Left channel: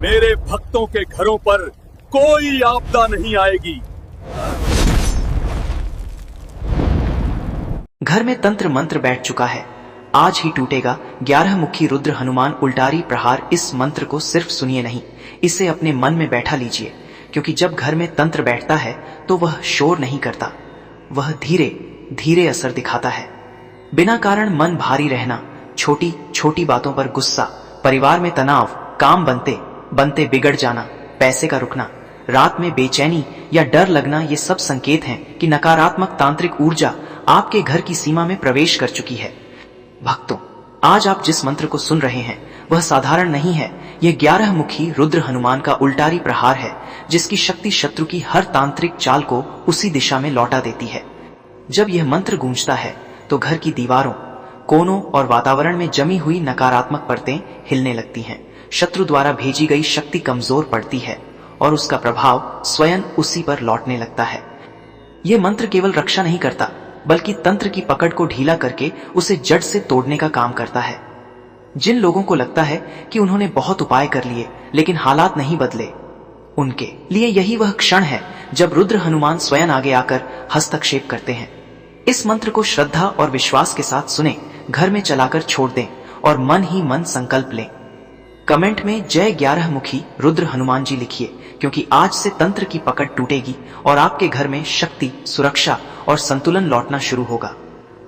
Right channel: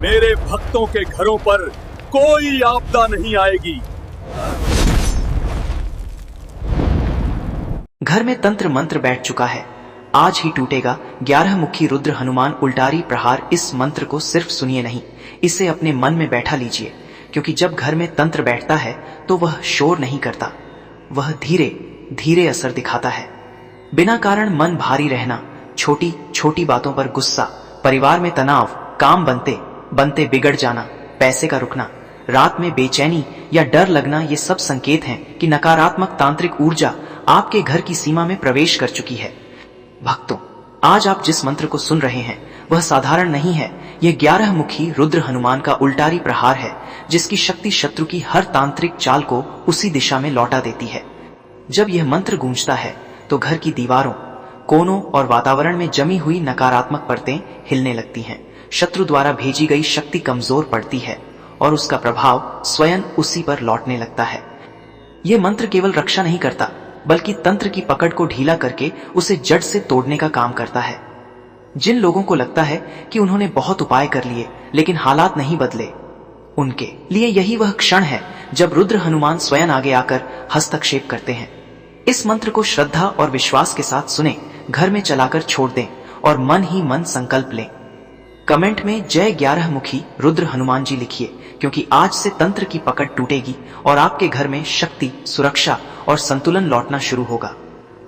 मेरे भक्तों के घरों पर कोई आपदा नहीं आएगी। घर में तंत्र मंत्र बैठ चुका है। आज ही टूटेगा 11 मुखी रुद्र हनुमान उल्टारी प्रहार। इस मंत्र को सिर्फ सुनिए नहीं, इसे अपने मन में बैठा लीजिए, क्योंकि जब घर में तंत्र बैठता है तो वह शोर नहीं करता, वह धीरे धीरे असर दिखाता है। बिना कारण मन भारी रहना, छोटी छोटी बातों पर गुस्सा, परिवार में तनाव, काम बनते बनते बिगड़ जाना, पैसे का रुकना, रात में बेचैनी या डर लगना, ये सब संकेत हैं कि नकारात्मक तांत्रिक ऊर्जा आपके घर की सीमा में प्रवेश कर चुकी है। भक्तों, आज आप जिस मंत्र को सुन रहे हैं वह साधारण नहीं है। यह 11 मुखी रुद्र हनुमान का उल्टारी प्रहार है, जिसकी शक्ति शत्रु की हर तांत्रिक चाल को उसी दिशा में लौटा देती है। जब यह मंत्र गूंजता है तो घर की दीवारों, कोनों और वातावरण में जमी हुई नकारात्मक परतें हिलने लगती हैं। शत्रु द्वारा भेजी गई शक्ति कमजोर पड़ती है और उसका प्रभाव स्वयं उसी पर लौटने लगता है। यह मंत्र केवल रक्षा नहीं करता, बल्कि तंत्र की पकड़ को ढीला करके उसे जड़ से तोड़ने का काम करता है। जिन लोगों को लगता है कि उन्होंने बहुत उपाय कर लिए लेकिन हालात नहीं बदले, उनके लिए यही वह क्षण है जब रुद्र हनुमान स्वयं आगे आकर हस्तक्षेप करते हैं। इस मंत्र को श्रद्धा और विश्वास के साथ सुने, घर में चलाकर छोड़ दें और मन ही मन संकल्प लें। कमेंट में जय 11 मुखी रुद्र हनुमान जी लिखिए, क्योंकि आज से तंत्र की पकड़ टूटेगी और आपके घर में शक्ति, सुरक्षा और संतुलन लौटना शुरू होगा।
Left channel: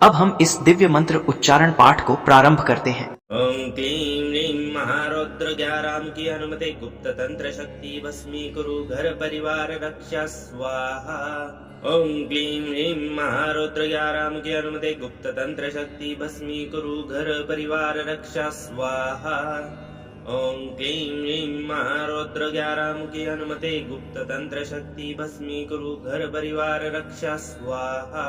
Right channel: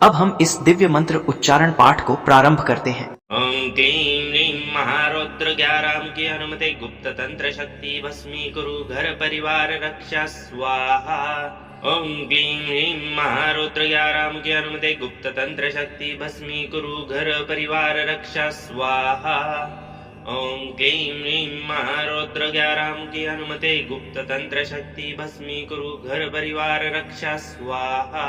अब हम इस दिव्य मंत्र उच्चारण पाठ को प्रारंभ करते हैं। ओम क्लीं ह्रीं महारौद्र 11 की अनुमति गुप्त तंत्र शक्ति भस्मीकुरु घर परिवार रक्षा स्वाहा। ओम क्लीं ह्रीं महारौद्र 11 की अनुमति गुप्त तंत्र शक्ति भस्मीकुरु घर परिवार रक्षा स्वाहा। ओम क्लीं ह्रीं महारौद्र 11 की अनुमति गुप्त तंत्र शक्ति भस्मीकुरु घर परिवार रक्षा स्वाहा।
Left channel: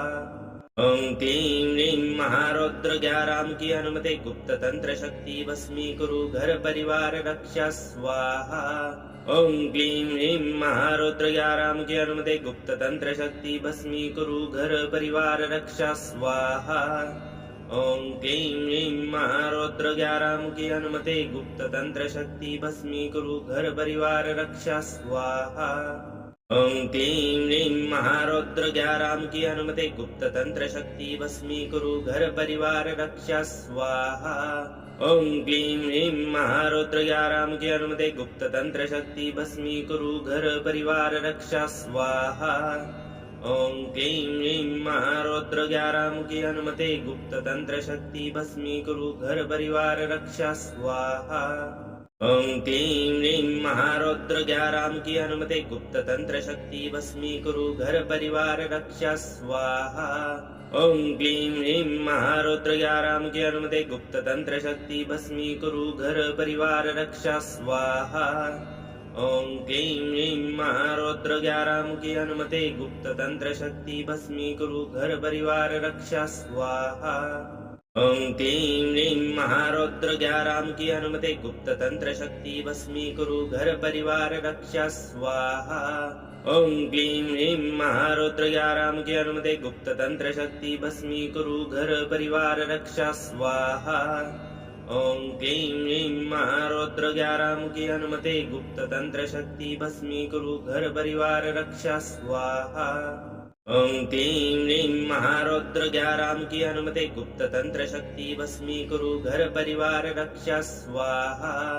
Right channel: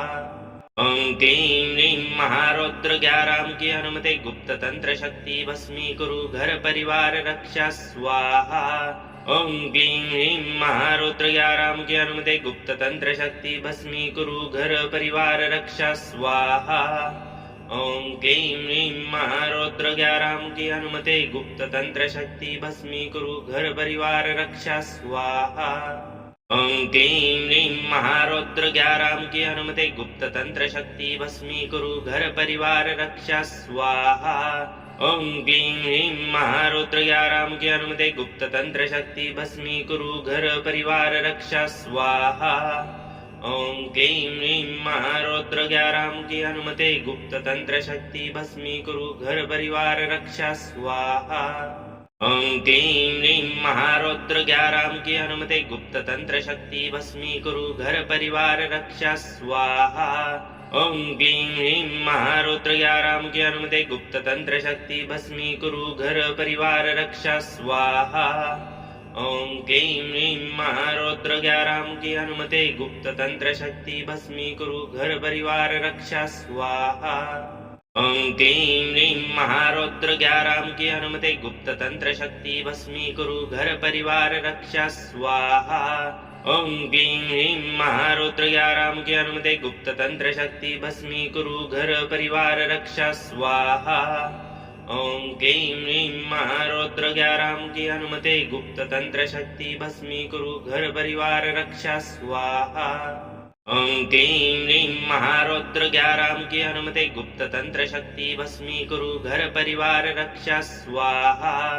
ओम क्लीं ह्रीं महारौद्र 11 की अनुमति गुप्त तंत्र शक्ति भस्मीकुरु घर परिवार रक्षा स्वाहा। ओम क्लीं ह्रीं महारौद्र 11 की अनुमति गुप्त तंत्र शक्ति भस्मीकुरु घर परिवार रक्षा स्वाहा। ओम क्लीं ह्रीं महारौद्र 11 की अनुमति गुप्त तंत्र शक्ति भस्मीकुरु घर परिवार रक्षा स्वाहा। ओम क्लीं ह्रीं महारौद्र 11 की अनुमति गुप्त तंत्र शक्ति भस्मीकुरु घर परिवार रक्षा स्वाहा। ओम क्लीं ह्रीं महारौद्र 11 की अनुमति गुप्त तंत्र शक्ति भस्मीकुरु घर परिवार रक्षा स्वाहा। ओम क्लीं ह्रीं महारौद्र 11 की अनुमति गुप्त तंत्र शक्ति भस्मीकुरु घर परिवार रक्षा स्वाहा। ओम क्लीं ह्रीं महारौद्र 11 की अनुमति गुप्त तंत्र शक्ति भस्मीकुरु घर परिवार रक्षा स्वाहा। ओम क्लीं ह्रीं महारौद्र 11 की अनुमति गुप्त तंत्र शक्ति भस्मीकुरु घर परिवार रक्षा स्वाहा। ओम क्लीं ह्रीं महारौद्र 11 की अनुमति गुप्त तंत्र शक्ति भस्मीकुरु घर परिवार रक्षा स्वाहा। ओम क्लीं ह्रीं महारौद्र 11 की अनुमति गुप्त तंत्र शक्ति भस्मीकुरु घर परिवार रक्षा स्वाहा। ओम क्लीं ह्रीं महारौद्र 11 की अनुमति गुप्त तंत्र शक्ति भस्मीकुरु घर परिवार रक्षा स्वाहा। ओम क्लीं ह्रीं महारौद्र 11 की अनुमति गुप्त तंत्र शक्ति भस्मीकुरु घर परिवार रक्षा स्वाहा। ओम क्लीं ह्रीं महारौद्र 11 की अनुमति गुप्त तंत्र शक्ति भस्मीकुरु घर परिवार रक्षा स्वाहा।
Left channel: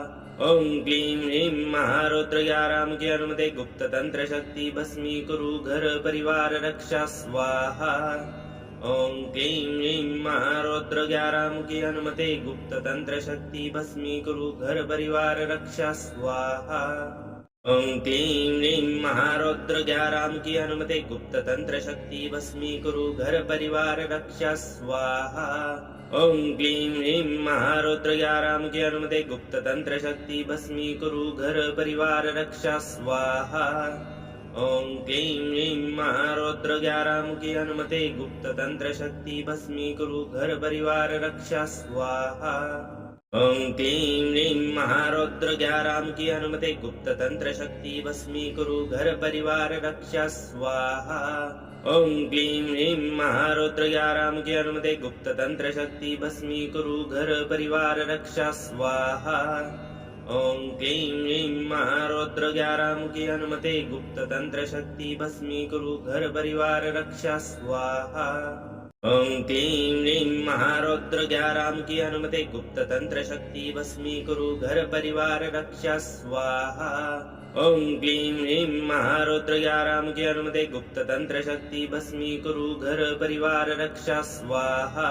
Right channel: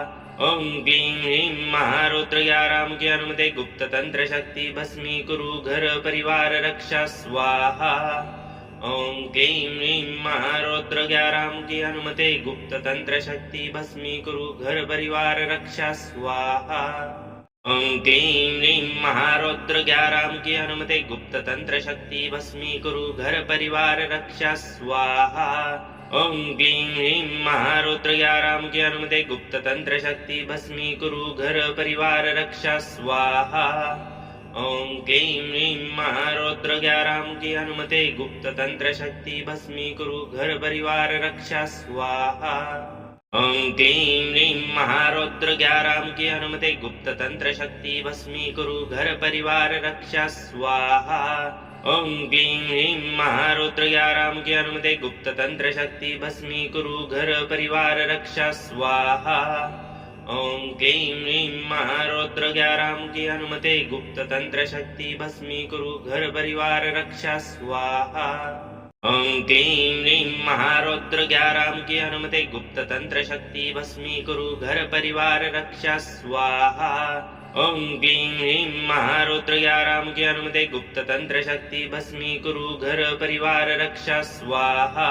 ओम क्लीं ह्रीं महारौद्र 11 की अनुमति गुप्त तंत्र शक्ति भस्मीकुरु घर परिवार रक्षा स्वाहा। ओम क्लीं ह्रीं महारौद्र 11 की अनुमति गुप्त तंत्र शक्ति भस्मीकुरु घर परिवार रक्षा स्वाहा। ओम क्लीं ह्रीं महारौद्र 11 की अनुमति गुप्त तंत्र शक्ति भस्मीकुरु घर परिवार रक्षा स्वाहा। ओम क्लीं ह्रीं महारौद्र 11 की अनुमति गुप्त तंत्र शक्ति भस्मीकुरु घर परिवार रक्षा स्वाहा। ओम क्लीं ह्रीं महारौद्र 11 की अनुमति गुप्त तंत्र शक्ति भस्मीकुरु घर परिवार रक्षा स्वाहा। ओम क्लीं ह्रीं महारौद्र 11 की अनुमति गुप्त तंत्र शक्ति भस्मीकुरु घर परिवार रक्षा स्वाहा। ओम क्लीं ह्रीं महारौद्र 11 की अनुमति गुप्त तंत्र शक्ति भस्मीकुरु घर परिवार रक्षा स्वाहा। ओम क्लीं ह्रीं महारौद्र ग्यारहमुखी हनुमते गुप्त तंत्र शक्ति भस्मीकुरु घर परिवार रक्षा स्वाहा। ओम क्लीं ह्रीं महारौद्र ग्यारहमुखी हनुमते गुप्त तंत्र शक्ति भस्मीकुरु घर परिवार रक्षा स्वाहा। ओम क्लीं ह्रीं महारौद्र ग्यारहमुखी हनुमते गुप्त तंत्र शक्ति भस्मीकुरु घर परिवार रक्षा स्वाहा।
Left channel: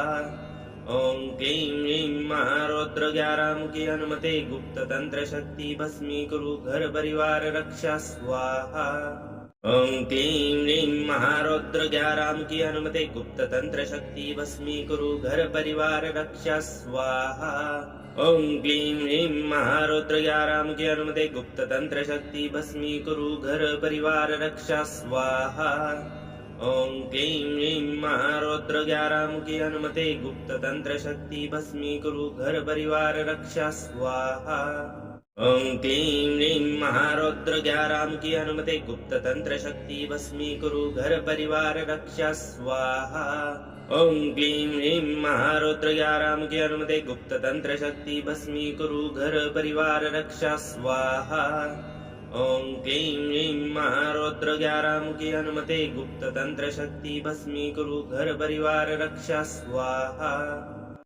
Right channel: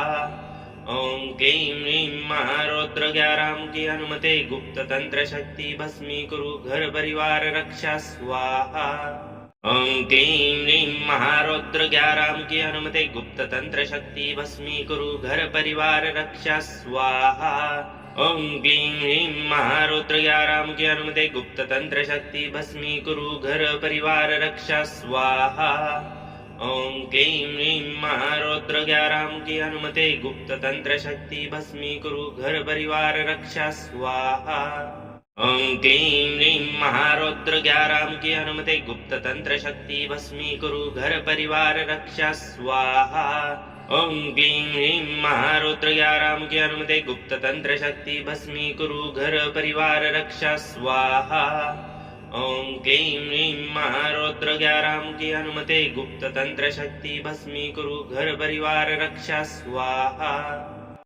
ओम क्लीं ह्रीं महारौद्र ग्यारहमुखी हनुमते गुप्त तंत्र शक्ति भस्मीकुरु घर परिवार रक्षा स्वाहा। ओम क्लीं ह्रीं महारौद्र ग्यारहमुखी हनुमते गुप्त तंत्र शक्ति भस्मीकुरु घर परिवार रक्षा स्वाहा। ओम क्लीं ह्रीं महारौद्र ग्यारहमुखी हनुमते गुप्त तंत्र शक्ति भस्मीकुरु घर परिवार रक्षा स्वाहा। ओम क्लीं ह्रीं महारौद्र ग्यारहमुखी हनुमते गुप्त तंत्र शक्ति भस्मीकुरु घर परिवार रक्षा स्वाहा। ओम क्लीं ह्रीं महारौद्र ग्यारहमुखी हनुमते गुप्त तंत्र शक्ति भस्मीकुरु घर परिवार रक्षा स्वाहा। ओम क्लीं ह्रीं महारौद्र ग्यारहमुखी हनुमते गुप्त तंत्र शक्ति भस्मीकुरु घर परिवार रक्षा स्वाहा। ओम क्लीं ह्रीं महारौद्र ग्यारहमुखी हनुमते गुप्त तंत्र शक्ति भस्मीकुरु घर परिवार रक्षा स्वाहा।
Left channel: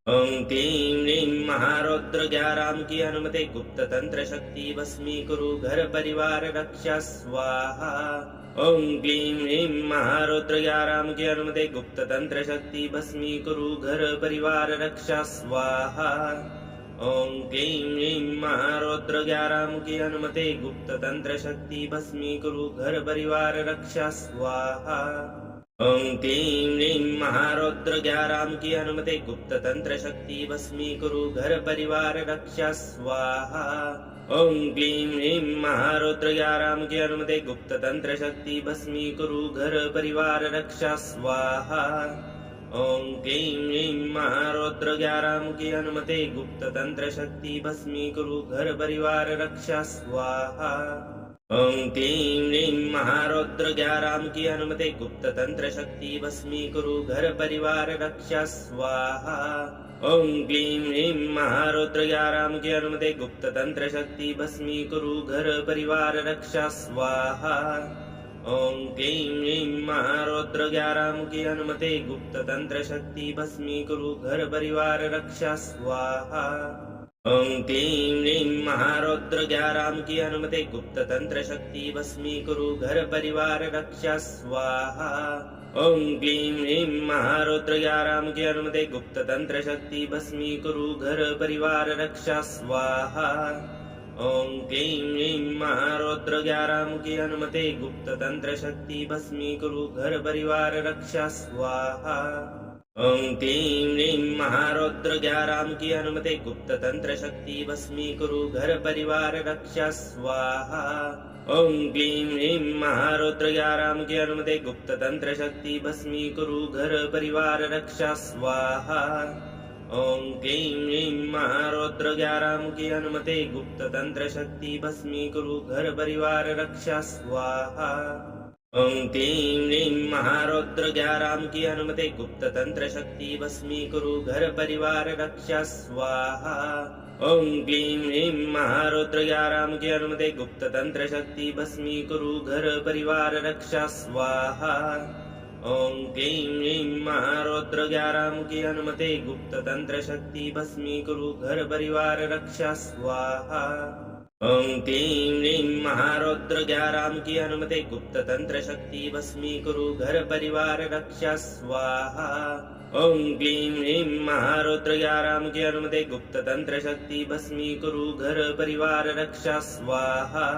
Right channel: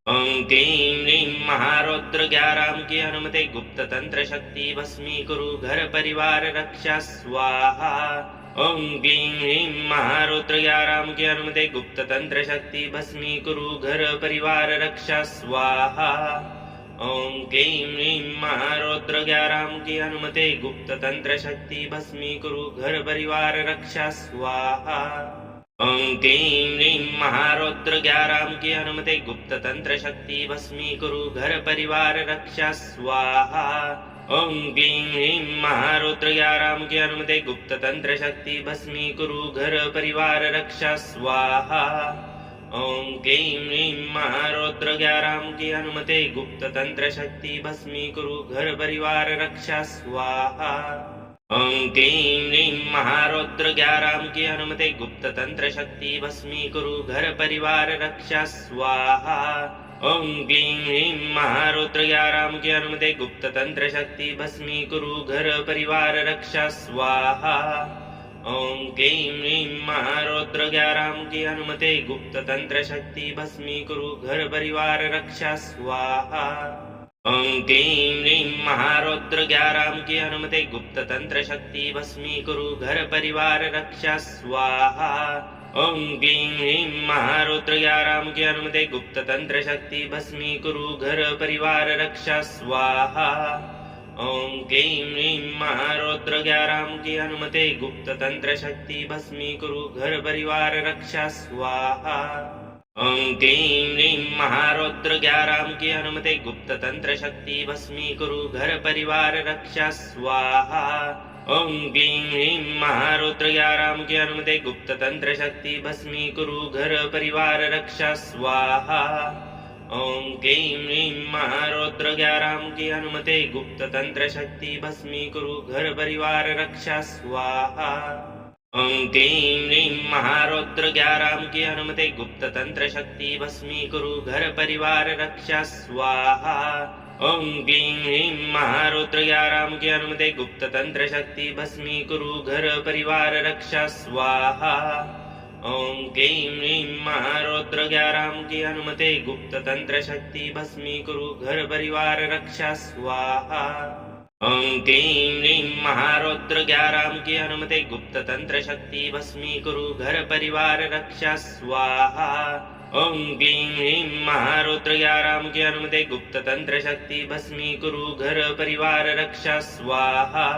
ओम क्लीं ह्रीं महारौद्र ग्यारहमुखी हनुमते गुप्त तंत्र शक्ति भस्मीकुरु घर परिवार रक्षा स्वाहा। ओम क्लीं ह्रीं महारौद्र ग्यारहमुखी हनुमते गुप्त तंत्र शक्ति भस्मीकुरु घर परिवार रक्षा स्वाहा। ओम क्लीं ह्रीं महारौद्र ग्यारहमुखी हनुमते गुप्त तंत्र शक्ति भस्मीकुरु घर परिवार रक्षा स्वाहा। ओम क्लीं ह्रीं महारौद्र ग्यारहमुखी हनुमते गुप्त तंत्र शक्ति भस्मीकुरु घर परिवार रक्षा स्वाहा। ओम क्लीं ह्रीं महारौद्र ग्यारहमुखी हनुमते गुप्त तंत्र शक्ति भस्मीकुरु घर परिवार रक्षा स्वाहा। ओम क्लीं ह्रीं महारौद्र ग्यारहमुखी हनुमते गुप्त तंत्र शक्ति भस्मीकुरु घर परिवार रक्षा स्वाहा। ओम क्लीं ह्रीं महारौद्र ग्यारहमुखी हनुमते गुप्त तंत्र शक्ति भस्मीकुरु घर परिवार रक्षा स्वाहा। ओम क्लीं ह्रीं महारौद्र ग्यारहमुखी हनुमते गुप्त तंत्र शक्ति भस्मीकुरु घर परिवार रक्षा स्वाहा। ओम क्लीं ह्रीं महारौद्र ग्यारहमुखी हनुमते गुप्त तंत्र शक्ति भस्मीकुरु घर परिवार रक्षा स्वाहा। ओम क्लीं ह्रीं महारौद्र ग्यारहमुखी हनुमते गुप्त तंत्र शक्ति भस्मीकुरु घर परिवार रक्षा स्वाहा। ओम क्लीं ह्रीं महारौद्र ग्यारहमुखी हनुमते गुप्त तंत्र शक्ति भस्मीकुरु घर परिवार रक्षा स्वाहा। ओम क्लीं ह्रीं महारौद्र ग्यारहमुखी हनुमते गुप्त तंत्र शक्ति भस्मीकुरु घर परिवार रक्षा स्वाहा। ओम क्लीं ह्रीं महारौद्र ग्यारहमुखी हनुमते गुप्त तंत्र शक्ति भस्मीकुरु घर परिवार रक्षा स्वाहा। ओम क्लीं ह्रीं महारौद्र ग्यारहमुखी हनुमते गुप्त तंत्र शक्ति भस्मीकुरु घर परिवार रक्षा स्वाहा। ओम क्लीं ह्रीं महारौद्र ग्यारहमुखी हनुमते गुप्त तंत्र शक्ति भस्मीकुरु घर परिवार रक्षा स्वाहा। ओम क्लीं ह्रीं महारौद्र ग्यारहमुखी हनुमते गुप्त तंत्र शक्ति भस्मीकुरु घर परिवार रक्षा स्वाहा। ओम क्लीं ह्रीं महारौद्र ग्यारहमुखी हनुमते गुप्त तंत्र शक्ति भस्मीकुरु घर परिवार रक्षा स्वाहा। ओम क्लीं ह्रीं महारौद्र ग्यारहमुखी हनुमते गुप्त तंत्र शक्ति भस्मीकुरु घर परिवार रक्षा स्वाहा। ओम क्लीं ह्रीं महारौद्र ग्यारहमुखी हनुमते गुप्त तंत्र शक्ति भस्मीकुरु घर परिवार रक्षा स्वाहा। ओम क्लीं ह्रीं महारौद्र ग्यारहमुखी हनुमते गुप्त तंत्र शक्ति भस्मीकुरु घर परिवार रक्षा स्वाहा।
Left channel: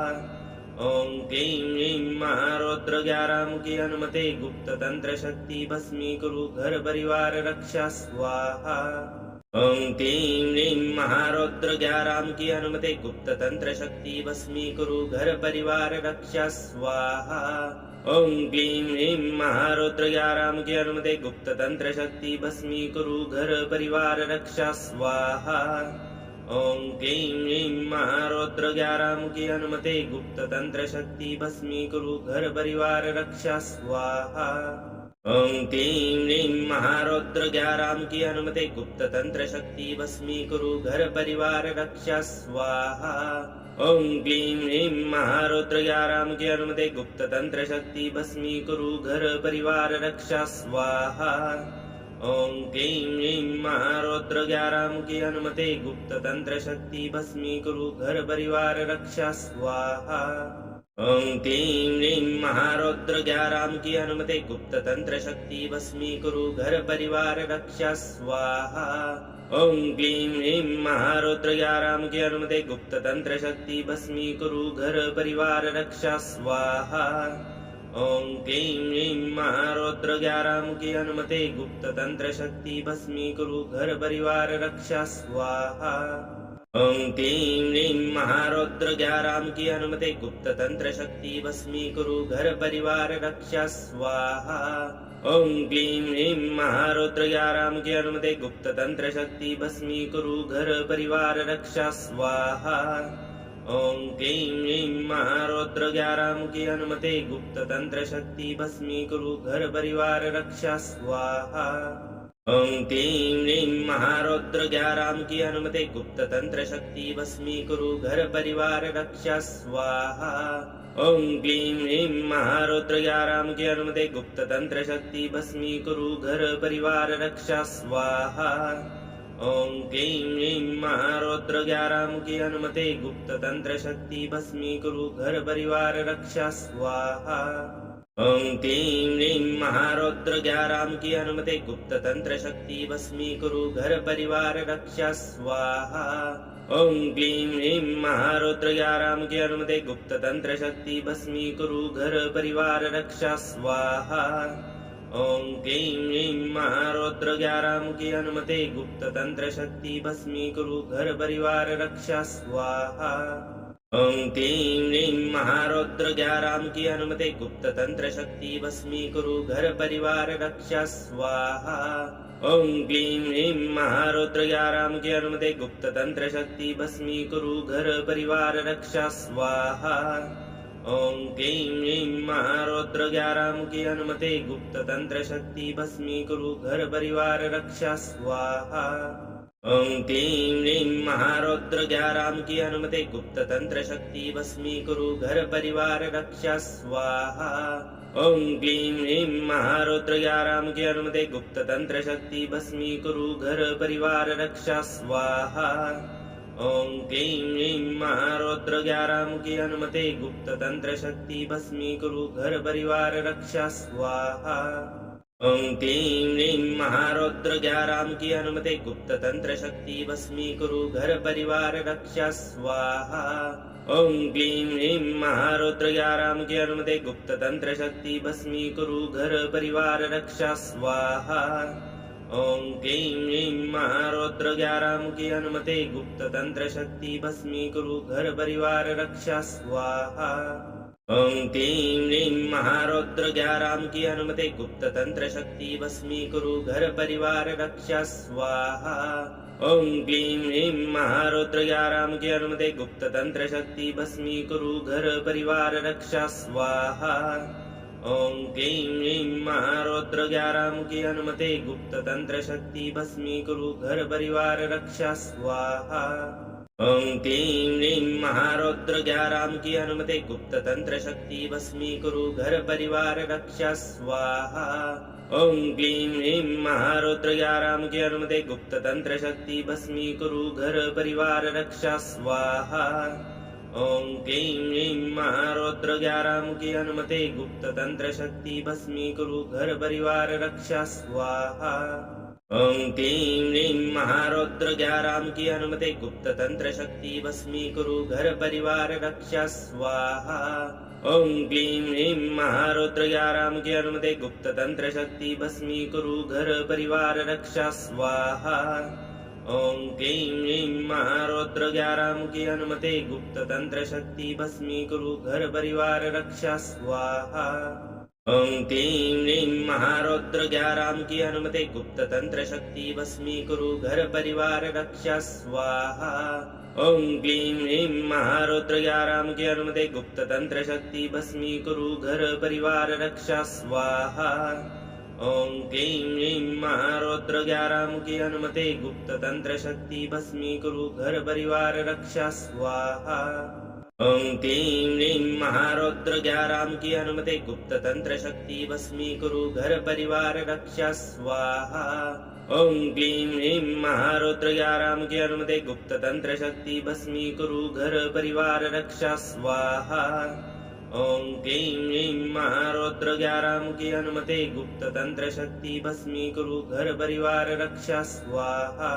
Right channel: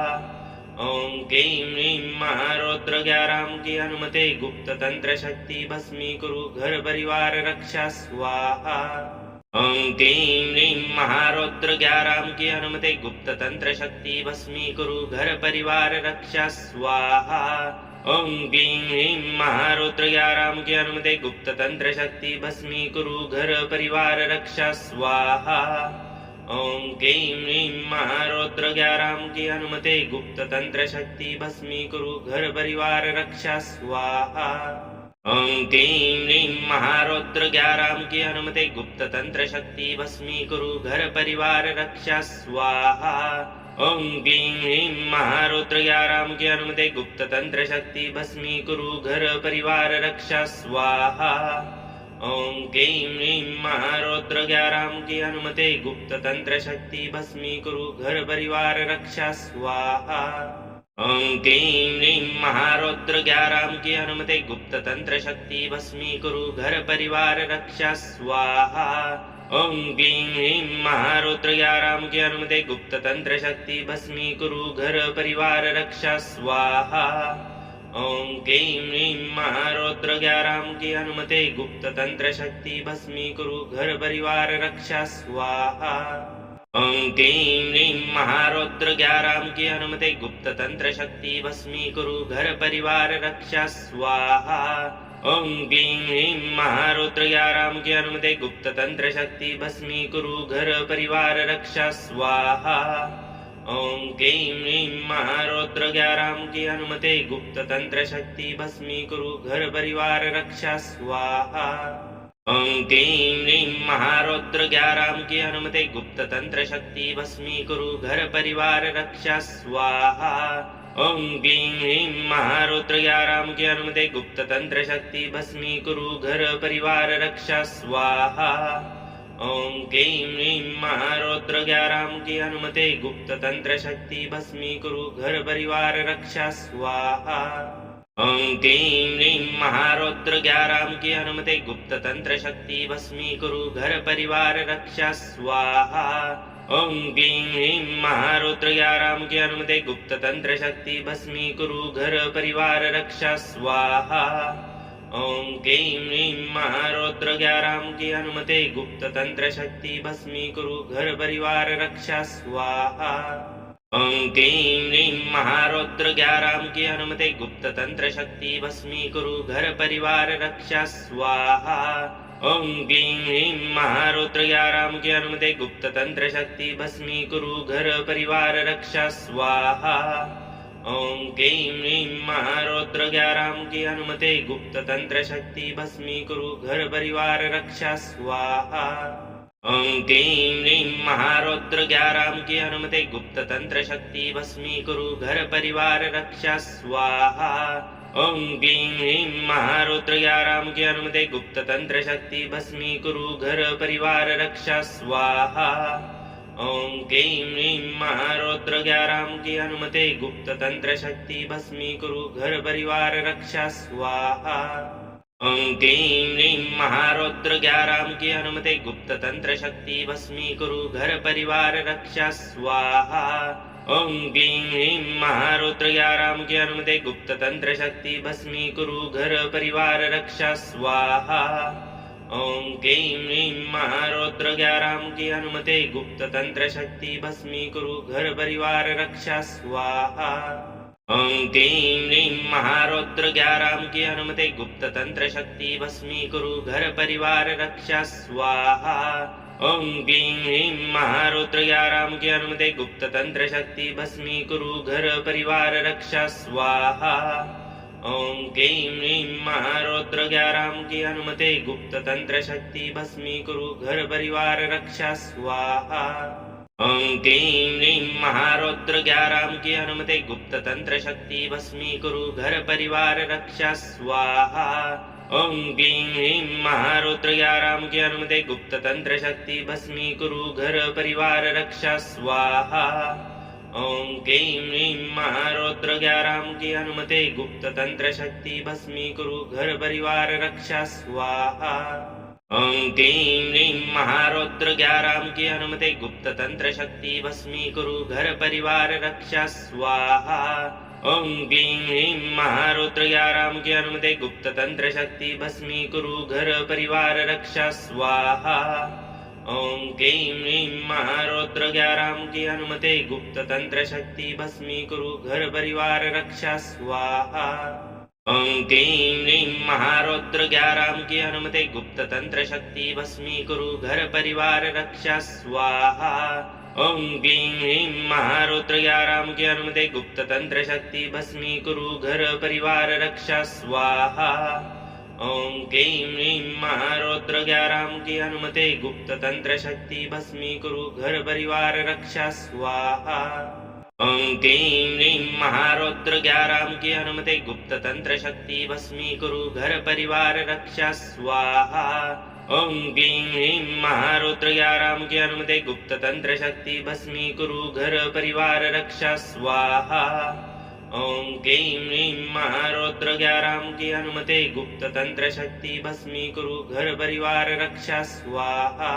ओम क्लीं ह्रीं महारौद्र ग्यारहमुखी हनुमते गुप्त तंत्र शक्ति भस्मीकुरु घर परिवार रक्षा स्वाहा। ओम क्लीं ह्रीं महारौद्र ग्यारहमुखी हनुमते गुप्त तंत्र शक्ति भस्मीकुरु घर परिवार रक्षा स्वाहा। ओम क्लीं ह्रीं महारौद्र ग्यारहमुखी हनुमते गुप्त तंत्र शक्ति भस्मीकुरु घर परिवार रक्षा स्वाहा। ओम क्लीं ह्रीं महारौद्र ग्यारहमुखी हनुमते गुप्त तंत्र शक्ति भस्मीकुरु घर परिवार रक्षा स्वाहा। ओं क्लीं ह्रीं महारौद्र 11 की अनुमति गुप्त तंत्र शक्ति भस्मीकुरु घर परिवार रक्षा स्वाहा। ओं क्लीं ह्रीं महारौद्र 11 की अनुमति गुप्त तंत्र शक्ति भस्मीकुरु घर परिवार रक्षा स्वाहा। ओं क्लीं ह्रीं महारौद्र 11 की अनुमति गुप्त तंत्र शक्ति भस्मीकुरु घर परिवार रक्षा स्वाहा। ओं क्लीं ह्रीं महारौद्र 11 की अनुमति गुप्त तंत्र शक्ति भस्मीकुरु घर परिवार रक्षा स्वाहा। ओं क्लीं ह्रीं महारौद्र 11 की अनुमति गुप्त तंत्र शक्ति भस्मीकुरु घर परिवार रक्षा स्वाहा। ओं क्लीं ह्रीं महारौद्र 11 की अनुमति गुप्त तंत्र शक्ति भस्मीकुरु घर परिवार रक्षा स्वाहा। ओं क्लीं ह्रीं महारौद्र 11 की अनुमति गुप्त तंत्र शक्ति भस्मीकुरु घर परिवार रक्षा स्वाहा। ओं क्लीं ह्रीं महारौद्र 11 की अनुमति गुप्त तंत्र शक्ति भस्मीकुरु घर परिवार रक्षा स्वाहा। ओं क्लीं ह्रीं महारौद्र 11 की अनुमति गुप्त तंत्र शक्ति भस्मीकुरु घर परिवार रक्षा स्वाहा। ओं क्लीं ह्रीं महारौद्र 11 की अनुमति गुप्त तंत्र शक्ति भस्मीकुरु घर परिवार रक्षा स्वाहा। ओं क्लीं ह्रीं महारौद्र 11 की अनुमति गुप्त तंत्र शक्ति भस्मीकुरु घर परिवार रक्षा स्वाहा। ओं क्लीं ह्रीं महारौद्र 11 की अनुमति गुप्त तंत्र शक्ति भस्मीकुरु घर परिवार रक्षा स्वाहा। ओं क्लीं ह्रीं महारौद्र 11 की अनुमति गुप्त तंत्र शक्ति भस्मीकुरु घर परिवार रक्षा स्वाहा। ओं क्लीं ह्रीं महारौद्र 11 की अनुमति गुप्त तंत्र शक्ति भस्मीकुरु घर परिवार रक्षा स्वाहा। ओं क्लीं ह्रीं महारौद्र 11 की अनुमति गुप्त तंत्र शक्ति भस्मीकुरु घर परिवार रक्षा स्वाहा। ओं क्लीं ह्रीं महारौद्र 11 की अनुमति गुप्त तंत्र शक्ति भस्मीकुरु घर परिवार रक्षा स्वाहा। ओं क्लीं ह्रीं महारौद्र 11 की अनुमति गुप्त तंत्र शक्ति भस्मीकुरु घर परिवार रक्षा स्वाहा। ओं क्लीं ह्रीं महारौद्र 11 की अनुमति गुप्त तंत्र शक्ति भस्मीकुरु घर परिवार रक्षा स्वाहा। ओं क्लीं ह्रीं महारौद्र 11 की अनुमति गुप्त तंत्र शक्ति भस्मीकुरु घर परिवार रक्षा स्वाहा। ओं क्लीं ह्रीं महारौद्र 11 की अनुमति गुप्त तंत्र शक्ति भस्मीकुरु घर परिवार रक्षा स्वाहा। ओं क्लीं ह्रीं महारौद्र 11 की अनुमति गुप्त तंत्र शक्ति भस्मीकुरु घर परिवार रक्षा स्वाहा। ओं क्लीं ह्रीं महारौद्र 11 की अनुमति गुप्त तंत्र शक्ति भस्मीकुरु घर परिवार रक्षा स्वाहा। ओं क्लीं ह्रीं महारौद्र 11 की अनुमति गुप्त तंत्र शक्ति भस्मीकुरु घर परिवार रक्षा स्वाहा। ओं क्लीं ह्रीं महारौद्र 11 की अनुमति गुप्त तंत्र शक्ति भस्मीकुरु घर परिवार रक्षा स्वाहा। ओं क्लीं ह्रीं महारौद्र 11 की अनुमति गुप्त तंत्र शक्ति भस्मीकुरु घर परिवार रक्षा स्वाहा। ओं क्लीं ह्रीं महारौद्र 11 की अनुमति गुप्त तंत्र शक्ति भस्मीकुरु घर परिवार रक्षा स्वाहा। ओं क्लीं ह्रीं महारौद्र 11 की अनुमति गुप्त तंत्र शक्ति भस्मीकुरु घर परिवार रक्षा स्वाहा। ओं क्लीं ह्रीं महारौद्र 11 की अनुमति गुप्त तंत्र शक्ति भस्मीकुरु घर परिवार रक्षा स्वाहा। ओं क्लीं ह्रीं महारौद्र 11 की अनुमति गुप्त तंत्र शक्ति भस्मीकुरु घर परिवार रक्षा स्वाहा। ओं क्लीं ह्रीं महारौद्र 11 की अनुमति गुप्त तंत्र शक्ति भस्मीकुरु घर परिवार रक्षा स्वाहा। ओं क्लीं ह्रीं महारौद्र 11 की अनुमति गुप्त तंत्र शक्ति भस्मीकुरु घर परिवार रक्षा स्वाहा। ओं क्लीं ह्रीं महारौद्र 11 की अनुमति गुप्त तंत्र शक्ति भस्मीकुरु घर परिवार रक्षा स्वाहा। ओं क्लीं ह्रीं महारौद्र 11 की अनुमति गुप्त तंत्र शक्ति भस्मीकुरु घर परिवार रक्षा स्वाहा। ओं क्लीं ह्रीं महारौद्र 11 की अनुमति गुप्त तंत्र शक्ति भस्मीकुरु घर परिवार रक्षा स्वाहा। ओं क्लीं ह्रीं महारौद्र 11 की अनुमति गुप्त तंत्र शक्ति भस्मीकुरु घर परिवार रक्षा स्वाहा। ओम क्लीं ह्रीं महारौद्र ग्यारहमुखी हनुमते गुप्त तंत्र शक्ति भस्मीकुरु घर परिवार रक्षा स्वाहा। ओम क्लीं ह्रीं महारौद्र ग्यारहमुखी हनुमते गुप्त तंत्र शक्ति भस्मीकुरु घर परिवार रक्षा स्वाहा। ओम क्लीं ह्रीं महारौद्र ग्यारहमुखी हनुमते गुप्त तंत्र शक्ति भस्मीकुरु घर परिवार रक्षा स्वाहा। ओम क्लीं ह्रीं महारौद्र ग्यारहमुखी हनुमते गुप्त तंत्र शक्ति भस्मीकुरु घर परिवार रक्षा स्वाहा।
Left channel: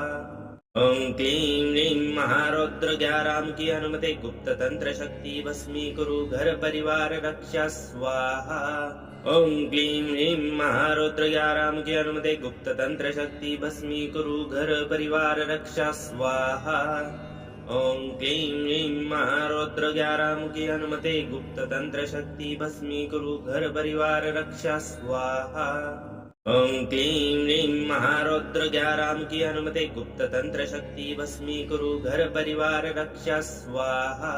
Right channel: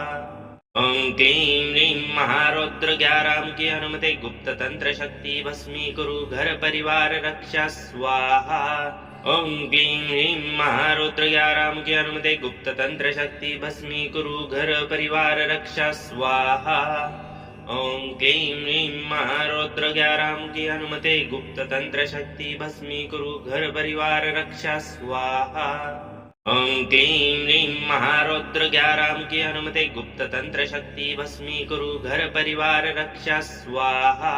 ओम क्लीं ह्रीं महारौद्र ग्यारहमुखी हनुमते गुप्त तंत्र शक्ति भस्मीकुरु घर परिवार रक्षा स्वाहा। ओम क्लीं ह्रीं महारौद्र ग्यारहमुखी हनुमते गुप्त तंत्र शक्ति भस्मीकुरु घर परिवार रक्षा स्वाहा। ओम क्लीं ह्रीं महारौद्र ग्यारहमुखी हनुमते गुप्त तंत्र शक्ति भस्मीकुरु घर परिवार रक्षा स्वाहा। ओम क्लीं ह्रीं महारौद्र ग्यारहमुखी हनुमते गुप्त तंत्र शक्ति भस्मीकुरु घर परिवार रक्षा स्वाहा।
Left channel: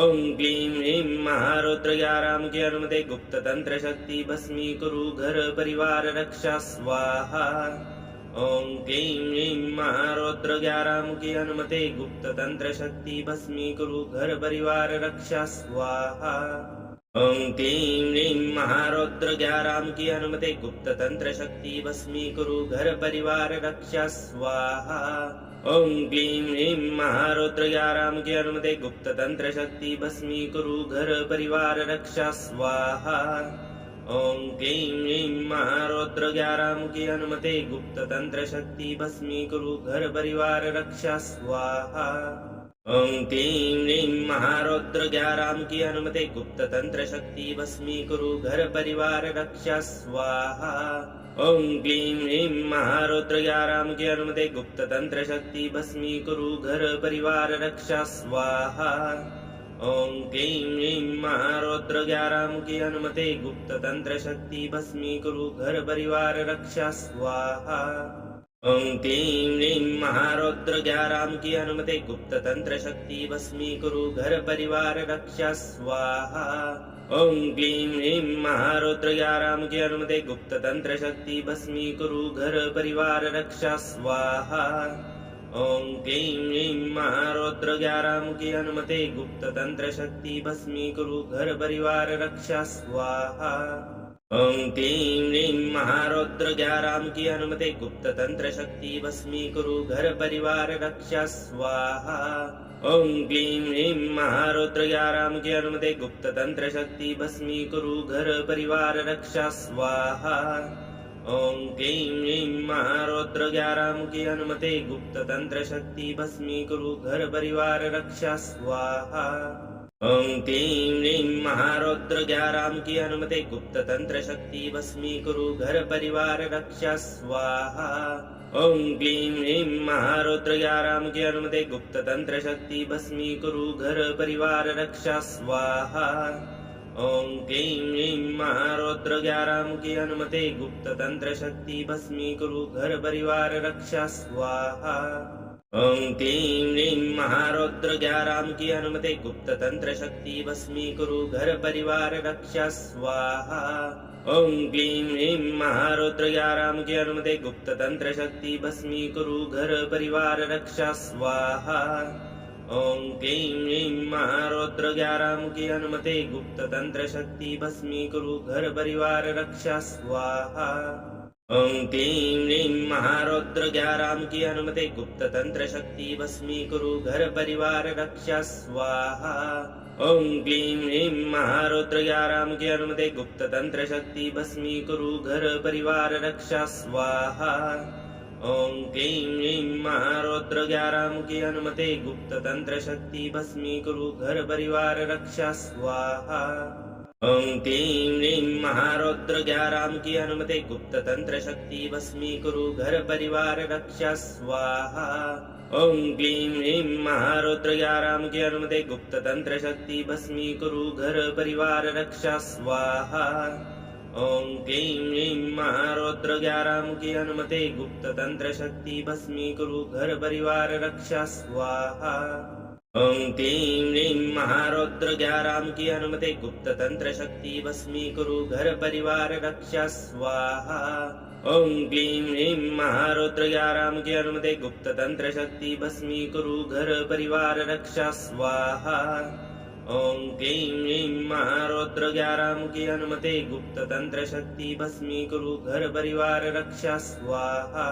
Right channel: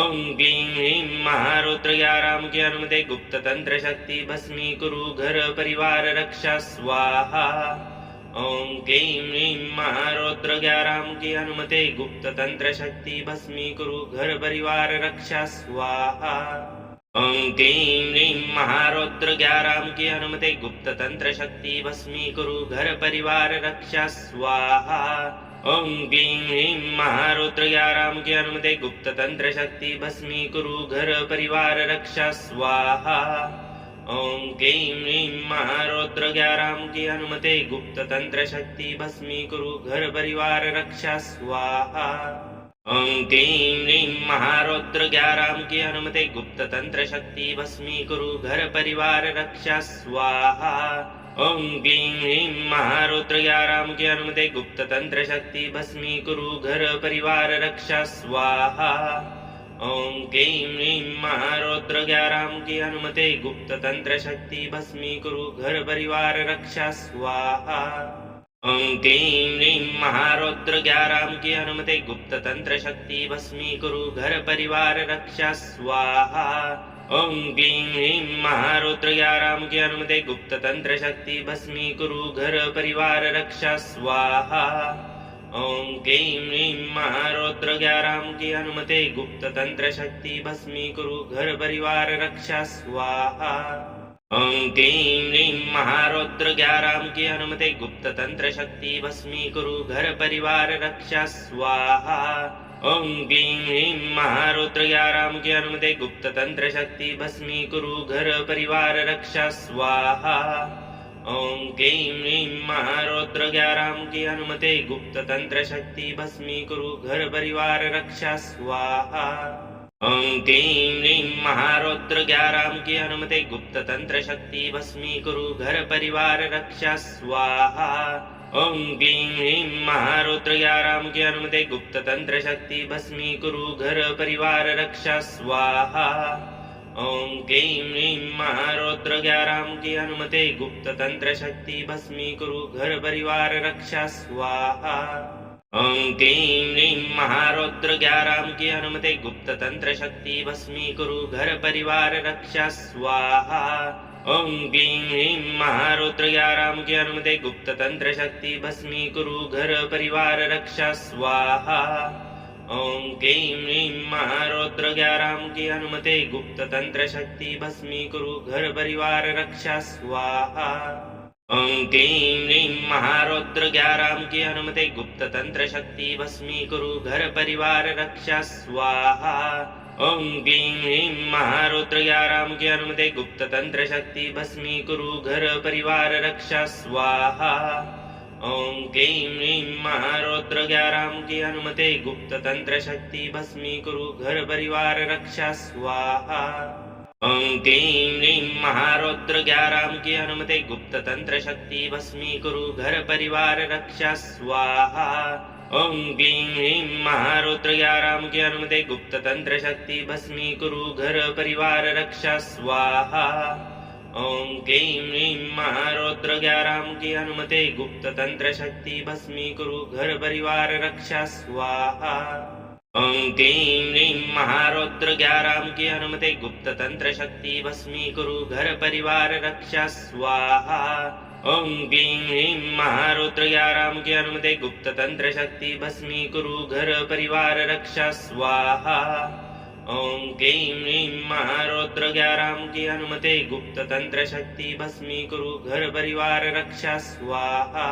ओम क्लीं ह्रीं महारौद्र ग्यारहमुखी हनुमते गुप्त तंत्र शक्ति भस्मीकुरु घर परिवार रक्षा स्वाहा। ओम क्लीं ह्रीं महारौद्र ग्यारहमुखी हनुमते गुप्त तंत्र शक्ति भस्मीकुरु घर परिवार रक्षा स्वाहा। ओम क्लीं ह्रीं महारौद्र ग्यारहमुखी हनुमते गुप्त तंत्र शक्ति भस्मीकुरु घर परिवार रक्षा स्वाहा। ओम क्लीं ह्रीं महारौद्र ग्यारहमुखी हनुमते गुप्त तंत्र शक्ति भस्मीकुरु घर परिवार रक्षा स्वाहा। ओम क्लीं ह्रीं महारौद्र ग्यारहमुखी हनुमते गुप्त तंत्र शक्ति भस्मीकुरु घर परिवार रक्षा स्वाहा। ओम क्लीं ह्रीं महारौद्र ग्यारहमुखी हनुमते गुप्त तंत्र शक्ति भस्मीकुरु घर परिवार रक्षा स्वाहा। ओम क्लीं ह्रीं महारौद्र ग्यारहमुखी हनुमते गुप्त तंत्र शक्ति भस्मीकुरु घर परिवार रक्षा स्वाहा। ओम क्लीं ह्रीं महारौद्र ग्यारहमुखी हनुमते गुप्त तंत्र शक्ति भस्मीकुरु घर परिवार रक्षा स्वाहा। ओम क्लीं ह्रीं महारौद्र ग्यारहमुखी हनुमते गुप्त तंत्र शक्ति भस्मीकुरु घर परिवार रक्षा स्वाहा। ओम क्लीं ह्रीं महारौद्र ग्यारहमुखी हनुमते गुप्त तंत्र शक्ति भस्मीकुरु घर परिवार रक्षा स्वाहा। ओम क्लीं ह्रीं महारौद्र ग्यारहमुखी हनुमते गुप्त तंत्र शक्ति भस्मीकुरु घर परिवार रक्षा स्वाहा। ओम क्लीं ह्रीं महारौद्र ग्यारहमुखी हनुमते गुप्त तंत्र शक्ति भस्मीकुरु घर परिवार रक्षा स्वाहा। ओम क्लीं ह्रीं महारौद्र ग्यारहमुखी हनुमते गुप्त तंत्र शक्ति भस्मीकुरु घर परिवार रक्षा स्वाहा। ओम क्लीं ह्रीं महारौद्र ग्यारहमुखी हनुमते गुप्त तंत्र शक्ति भस्मीकुरु घर परिवार रक्षा स्वाहा। ओम क्लीं ह्रीं महारौद्र ग्यारहमुखी हनुमते गुप्त तंत्र शक्ति भस्मीकुरु घर परिवार रक्षा स्वाहा। ओम क्लीं ह्रीं महारौद्र ग्यारहमुखी हनुमते गुप्त तंत्र शक्ति भस्मीकुरु घर परिवार रक्षा स्वाहा। ओम क्लीं ह्रीं महारौद्र ग्यारहमुखी हनुमते गुप्त तंत्र शक्ति भस्मीकुरु घर परिवार रक्षा स्वाहा। ओम क्लीं ह्रीं महारौद्र ग्यारहमुखी हनुमते गुप्त तंत्र शक्ति भस्मीकुरु घर परिवार रक्षा स्वाहा। ओम क्लीं ह्रीं महारौद्र ग्यारहमुखी हनुमते गुप्त तंत्र शक्ति भस्मीकुरु घर परिवार रक्षा स्वाहा। ओम क्लीं ह्रीं महारौद्र ग्यारहमुखी हनुमते गुप्त तंत्र शक्ति भस्मीकुरु घर परिवार रक्षा स्वाहा। ओम क्लीं ह्रीं महारौद्र ग्यारहमुखी हनुमते गुप्त तंत्र शक्ति भस्मीकुरु घर परिवार रक्षा स्वाहा। ओम क्लीं ह्रीं महारौद्र ग्यारहमुखी हनुमते गुप्त तंत्र शक्ति भस्मीकुरु घर परिवार रक्षा स्वाहा। ओम क्लीं ह्रीं महारौद्र ग्यारहमुखी हनुमते गुप्त तंत्र शक्ति भस्मीकुरु घर परिवार रक्षा स्वाहा। ओम क्लीं ह्रीं महारौद्र ग्यारहमुखी हनुमते गुप्त तंत्र शक्ति भस्मीकुरु घर परिवार रक्षा स्वाहा। ओम क्लीं ह्रीं महारौद्र ग्यारहमुखी हनुमते गुप्त तंत्र शक्ति भस्मीकुरु घर परिवार रक्षा स्वाहा। ओम क्लीं ह्रीं महारौद्र ग्यारहमुखी हनुमते गुप्त तंत्र शक्ति भस्मीकुरु घर परिवार रक्षा स्वाहा। ओं क्लीं ह्रीं महारौद्र 11 की अनुमति गुप्त तंत्र शक्ति भस्मीकुरु घर परिवार रक्षा स्वाहा। ओं क्लीं ह्रीं महारौद्र 11 की अनुमति गुप्त तंत्र शक्ति भस्मीकुरु घर परिवार रक्षा स्वाहा। ओं क्लीं ह्रीं महारौद्र 11 की अनुमति गुप्त तंत्र शक्ति भस्मीकुरु घर परिवार रक्षा स्वाहा।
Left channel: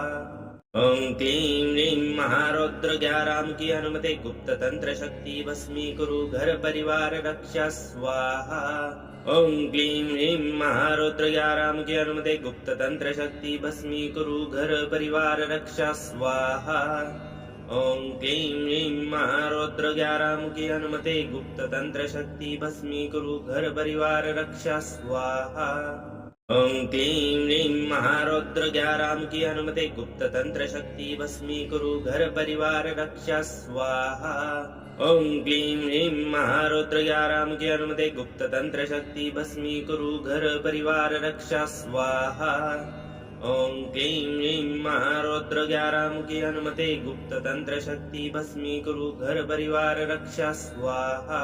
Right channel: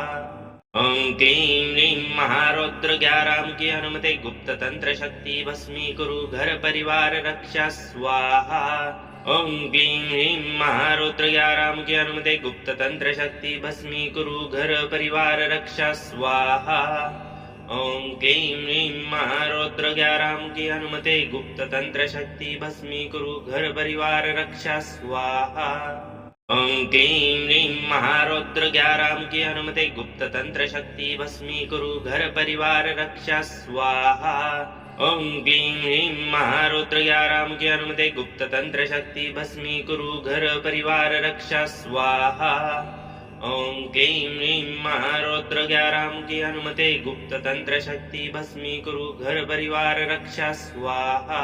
ओं क्लीं ह्रीं महारौद्र 11 की अनुमति गुप्त तंत्र शक्ति भस्मीकुरु घर परिवार रक्षा स्वाहा। ओं क्लीं ह्रीं महारौद्र 11 की अनुमति गुप्त तंत्र शक्ति भस्मीकुरु घर परिवार रक्षा स्वाहा। ओं क्लीं ह्रीं महारौद्र 11 की अनुमति गुप्त तंत्र शक्ति भस्मीकुरु घर परिवार रक्षा स्वाहा। ओं क्लीं ह्रीं महारौद्र 11 की अनुमति गुप्त तंत्र शक्ति भस्मीकुरु घर परिवार रक्षा स्वाहा। ओं क्लीं ह्रीं महारौद्र 11 की अनुमति गुप्त तंत्र शक्ति भस्मीकुरु घर परिवार रक्षा स्वाहा। ओं क्लीं ह्रीं महारौद्र 11 की अनुमति गुप्त तंत्र शक्ति भस्मीकुरु घर परिवार रक्षा स्वाहा।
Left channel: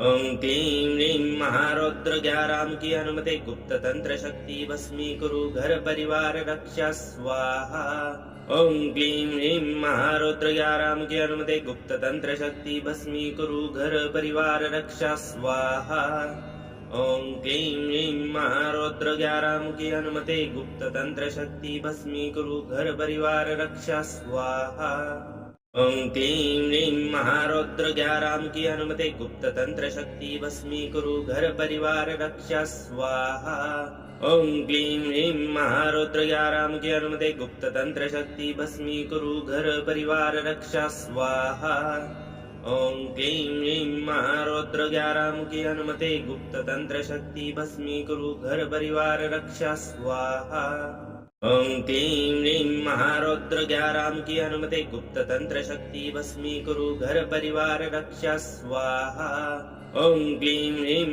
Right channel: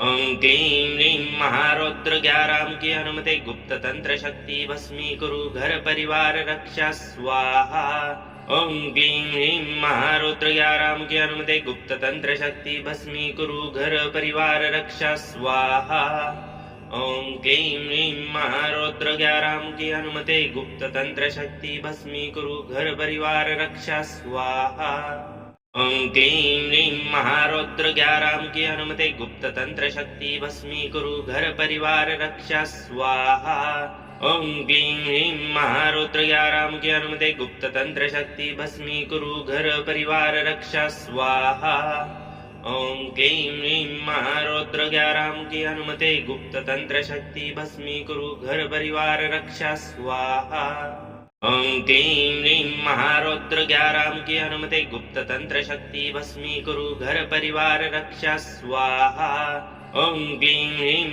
ओं क्लीं ह्रीं महारौद्र 11 की अनुमति गुप्त तंत्र शक्ति भस्मीकुरु घर परिवार रक्षा स्वाहा। ओं क्लीं ह्रीं महारौद्र 11 की अनुमति गुप्त तंत्र शक्ति भस्मीकुरु घर परिवार रक्षा स्वाहा। ओं क्लीं ह्रीं महारौद्र 11 की अनुमति गुप्त तंत्र शक्ति भस्मीकुरु घर परिवार रक्षा स्वाहा। ओं क्लीं ह्रीं महारौद्र 11 की अनुमति गुप्त तंत्र शक्ति भस्मीकुरु घर परिवार रक्षा स्वाहा। ओं क्लीं ह्रीं महारौद्र 11 की अनुमति गुप्त तंत्र शक्ति भस्मीकुरु घर परिवार रक्षा स्वाहा। ओं क्लीं ह्रीं महारौद्र 11 की अनुमति गुप्त तंत्र शक्ति भस्मीकुरु घर परिवार रक्षा स्वाहा। ओं क्लीं ह्रीं महारौद्र 11 की अनुमति गुप्त तंत्र शक्ति भस्मीकुरु घर परिवार रक्षा स्वाहा। ओं क्लीं ह्रीं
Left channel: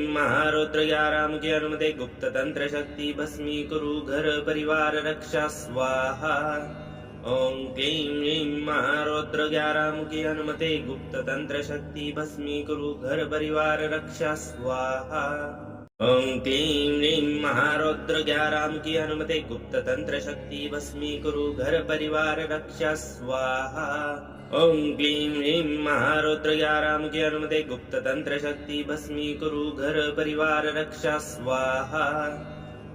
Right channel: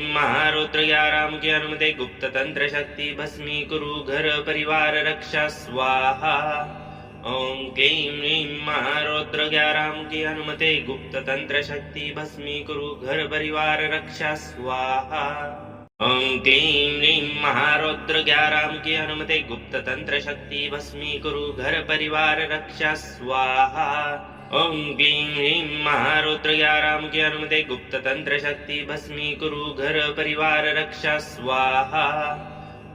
महारौद्र 11 की अनुमति गुप्त तंत्र शक्ति भस्मीकुरु घर परिवार रक्षा स्वाहा। ओं क्लीं ह्रीं महारौद्र 11 की अनुमति गुप्त तंत्र शक्ति भस्मीकुरु घर परिवार रक्षा स्वाहा। ओं क्लीं ह्रीं महारौद्र 11 की अनुमति गुप्त तंत्र शक्ति भस्मीकुरु घर परिवार रक्षा स्वाहा। ओं क्लीं ह्रीं महारौद्र 11 की अनुमति गुप्त तंत्र शक्ति भस्मीकुरु घर परिवार रक्षा स्वाहा।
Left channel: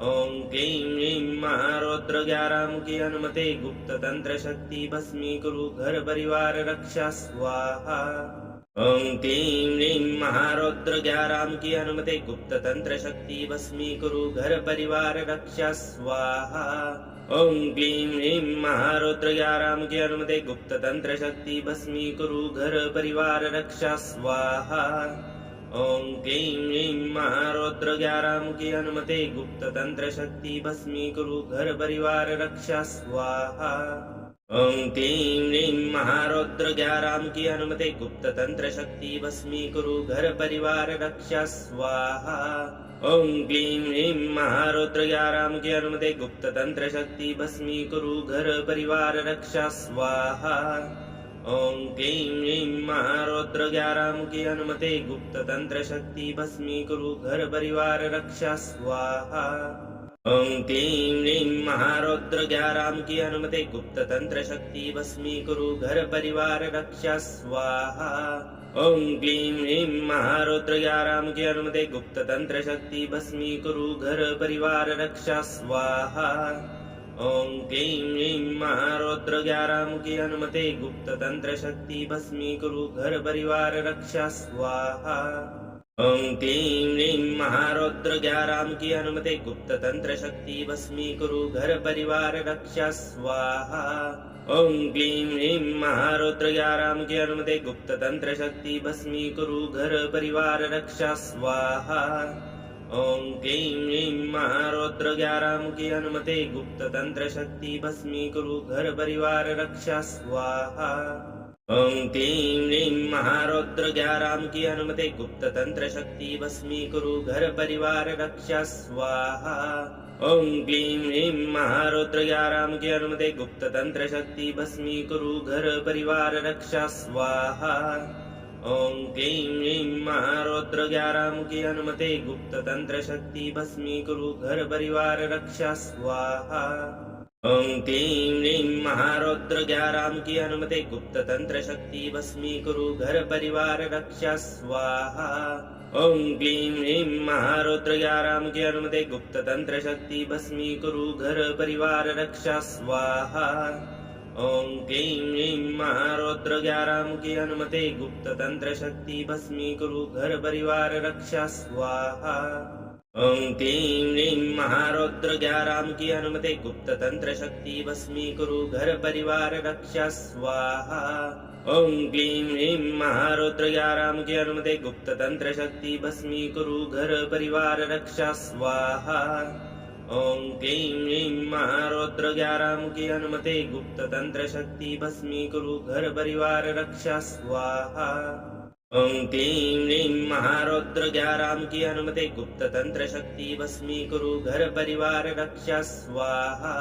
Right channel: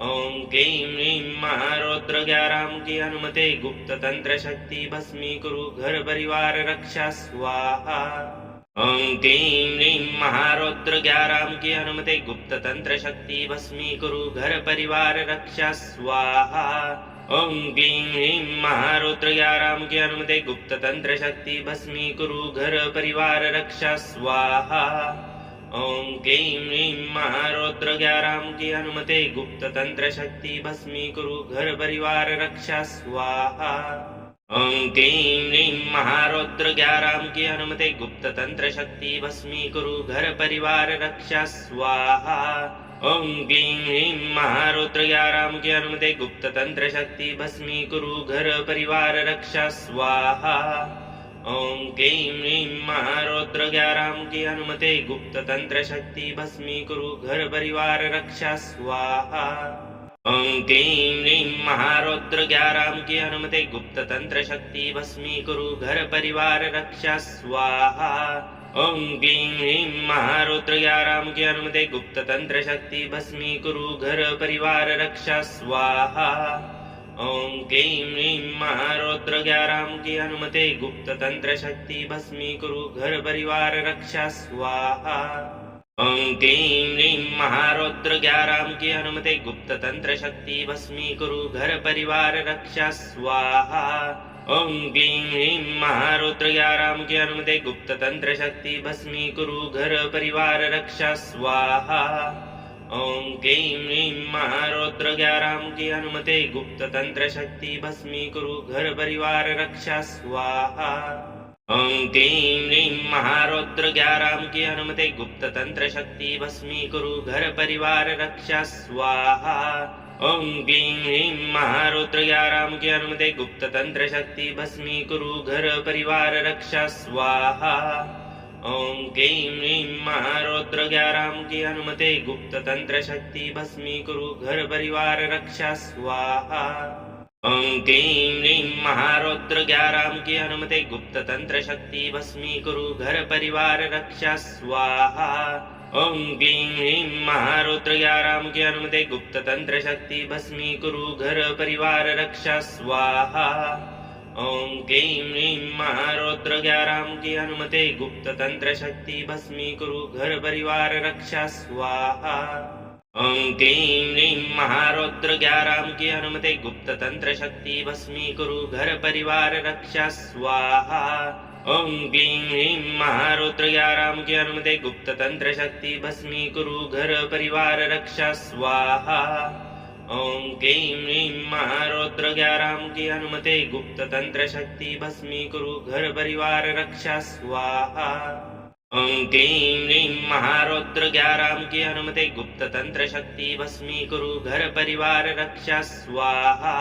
ओं क्लीं ह्रीं महारौद्र 11 की अनुमति गुप्त तंत्र शक्ति भस्मीकुरु घर परिवार रक्षा स्वाहा। ओं क्लीं ह्रीं महारौद्र 11 की अनुमति गुप्त तंत्र शक्ति भस्मीकुरु घर परिवार रक्षा स्वाहा। ओं क्लीं ह्रीं महारौद्र 11 की अनुमति गुप्त तंत्र शक्ति भस्मीकुरु घर परिवार रक्षा स्वाहा। ओं क्लीं ह्रीं महारौद्र 11 की अनुमति गुप्त तंत्र शक्ति भस्मीकुरु घर परिवार रक्षा स्वाहा। ओं क्लीं ह्रीं महारौद्र 11 की अनुमति गुप्त तंत्र शक्ति भस्मीकुरु घर परिवार रक्षा स्वाहा। ओं क्लीं ह्रीं महारौद्र 11 की अनुमति गुप्त तंत्र शक्ति भस्मीकुरु घर परिवार रक्षा स्वाहा। ओं क्लीं ह्रीं महारौद्र 11 की अनुमति गुप्त तंत्र शक्ति भस्मीकुरु घर परिवार रक्षा स्वाहा। ओं क्लीं ह्रीं महारौद्र 11 की अनुमति गुप्त तंत्र शक्ति भस्मीकुरु घर परिवार रक्षा स्वाहा। ओं क्लीं ह्रीं महारौद्र 11 की अनुमति गुप्त तंत्र शक्ति भस्मीकुरु घर परिवार रक्षा स्वाहा। ओं क्लीं ह्रीं महारौद्र 11 की अनुमति गुप्त तंत्र शक्ति भस्मीकुरु घर परिवार रक्षा स्वाहा। ओं क्लीं ह्रीं महारौद्र 11 की अनुमति गुप्त तंत्र शक्ति भस्मीकुरु घर परिवार रक्षा स्वाहा। ओं क्लीं ह्रीं महारौद्र 11 की अनुमति गुप्त तंत्र शक्ति भस्मीकुरु घर परिवार रक्षा स्वाहा। ओं क्लीं ह्रीं महारौद्र 11 की अनुमति गुप्त तंत्र शक्ति भस्मीकुरु घर परिवार रक्षा स्वाहा। ओं क्लीं ह्रीं महारौद्र 11 की अनुमति गुप्त तंत्र शक्ति भस्मीकुरु घर परिवार रक्षा स्वाहा। ओं क्लीं ह्रीं महारौद्र 11 की अनुमति गुप्त तंत्र शक्ति भस्मीकुरु घर परिवार रक्षा स्वाहा। ओम क्लीं ह्रीं महारौद्र 11 मुखी हनुमते गुप्त तंत्र शक्ति भस्मीकुरु घर परिवार रक्षा स्वाहा। ओम क्लीं ह्रीं महारौद्र 11 मुखी हनुमते गुप्त तंत्र शक्ति भस्मीकुरु घर परिवार रक्षा स्वाहा। ओम क्लीं ह्रीं महारौद्र 11 मुखी हनुमते गुप्त तंत्र शक्ति भस्मीकुरु घर परिवार रक्षा स्वाहा। ओम क्लीं ह्रीं महारौद्र 11 मुखी हनुमते गुप्त तंत्र शक्ति भस्मीकुरु घर परिवार रक्षा स्वाहा। ओम क्लीं ह्रीं महारौद्र 11 मुखी हनुमते गुप्त तंत्र शक्ति भस्मीकुरु घर परिवार रक्षा स्वाहा। ओम क्लीं ह्रीं महारौद्र 11 मुखी हनुमते गुप्त तंत्र शक्ति भस्मीकुरु घर परिवार रक्षा स्वाहा। ओम क्लीं ह्रीं महारौद्र 11 मुखी हनुमते गुप्त तंत्र शक्ति भस्मीकुरु घर परिवार रक्षा स्वाहा। ओम क्लीं ह्रीं महारौद्र 11 मुखी हनुमते गुप्त तंत्र शक्ति भस्मीकुरु घर परिवार रक्षा स्वाहा।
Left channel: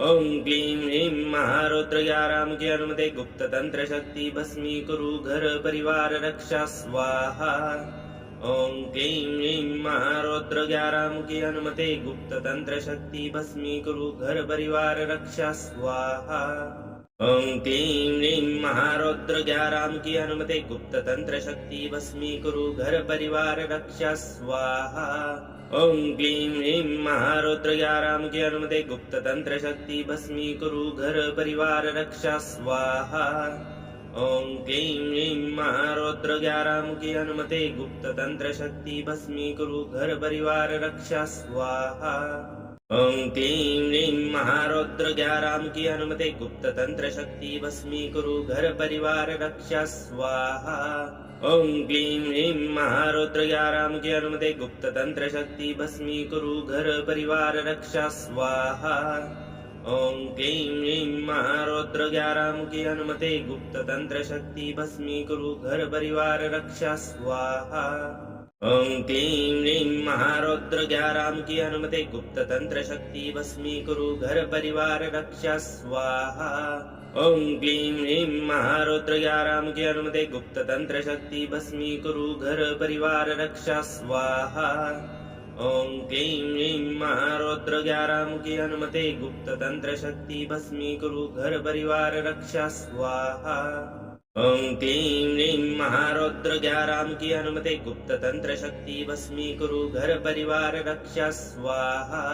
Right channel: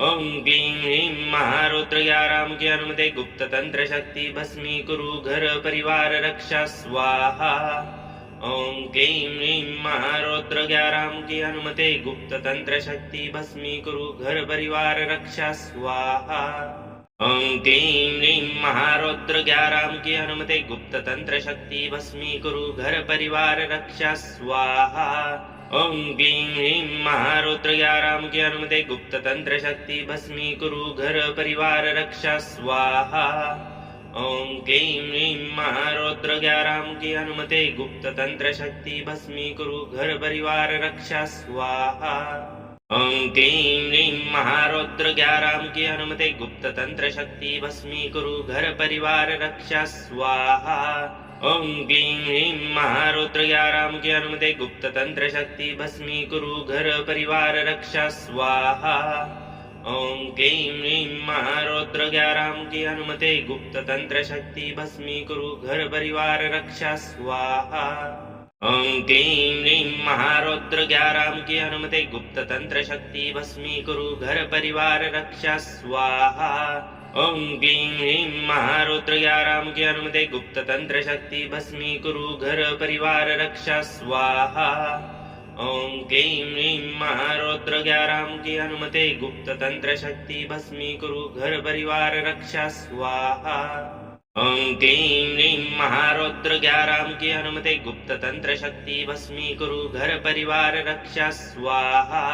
ओम क्लीं ह्रीं महारौद्र 11 मुखी हनुमते गुप्त तंत्र शक्ति भस्मीकुरु घर परिवार रक्षा स्वाहा। ओम क्लीं ह्रीं महारौद्र 11 मुखी हनुमते गुप्त तंत्र शक्ति भस्मीकुरु घर परिवार रक्षा स्वाहा। ओम क्लीं ह्रीं महारौद्र 11 मुखी हनुमते गुप्त तंत्र शक्ति भस्मीकुरु घर परिवार रक्षा स्वाहा। ओम क्लीं ह्रीं महारौद्र 11 मुखी हनुमते गुप्त तंत्र शक्ति भस्मीकुरु घर परिवार रक्षा स्वाहा। ओम क्लीं ह्रीं महारौद्र 11 मुखी हनुमते गुप्त तंत्र शक्ति भस्मीकुरु घर परिवार रक्षा स्वाहा। ओम क्लीं ह्रीं महारौद्र 11 मुखी हनुमते गुप्त तंत्र शक्ति भस्मीकुरु घर परिवार रक्षा स्वाहा। ओम क्लीं ह्रीं महारौद्र 11 मुखी हनुमते गुप्त तंत्र शक्ति भस्मीकुरु घर परिवार रक्षा स्वाहा। ओम क्लीं ह्रीं महारौद्र 11 मुखी हनुमते गुप्त तंत्र शक्ति भस्मीकुरु घर परिवार रक्षा स्वाहा। ओम क्लीं ह्रीं महारौद्र 11 मुखी हनुमते गुप्त तंत्र शक्ति भस्मीकुरु घर परिवार रक्षा स्वाहा। ओम क्लीं ह्रीं महारौद्र 11 मुखी हनुमते गुप्त तंत्र शक्ति भस्मीकुरु घर परिवार रक्षा स्वाहा। ओम क्लीं ह्रीं महारौद्र 11 मुखी हनुमते गुप्त तंत्र शक्ति भस्मीकुरु घर परिवार रक्षा स्वाहा। ओम क्लीं ह्रीं महारौद्र 11 मुखी हनुमते गुप्त तंत्र शक्ति भस्मीकुरु घर परिवार रक्षा स्वाहा।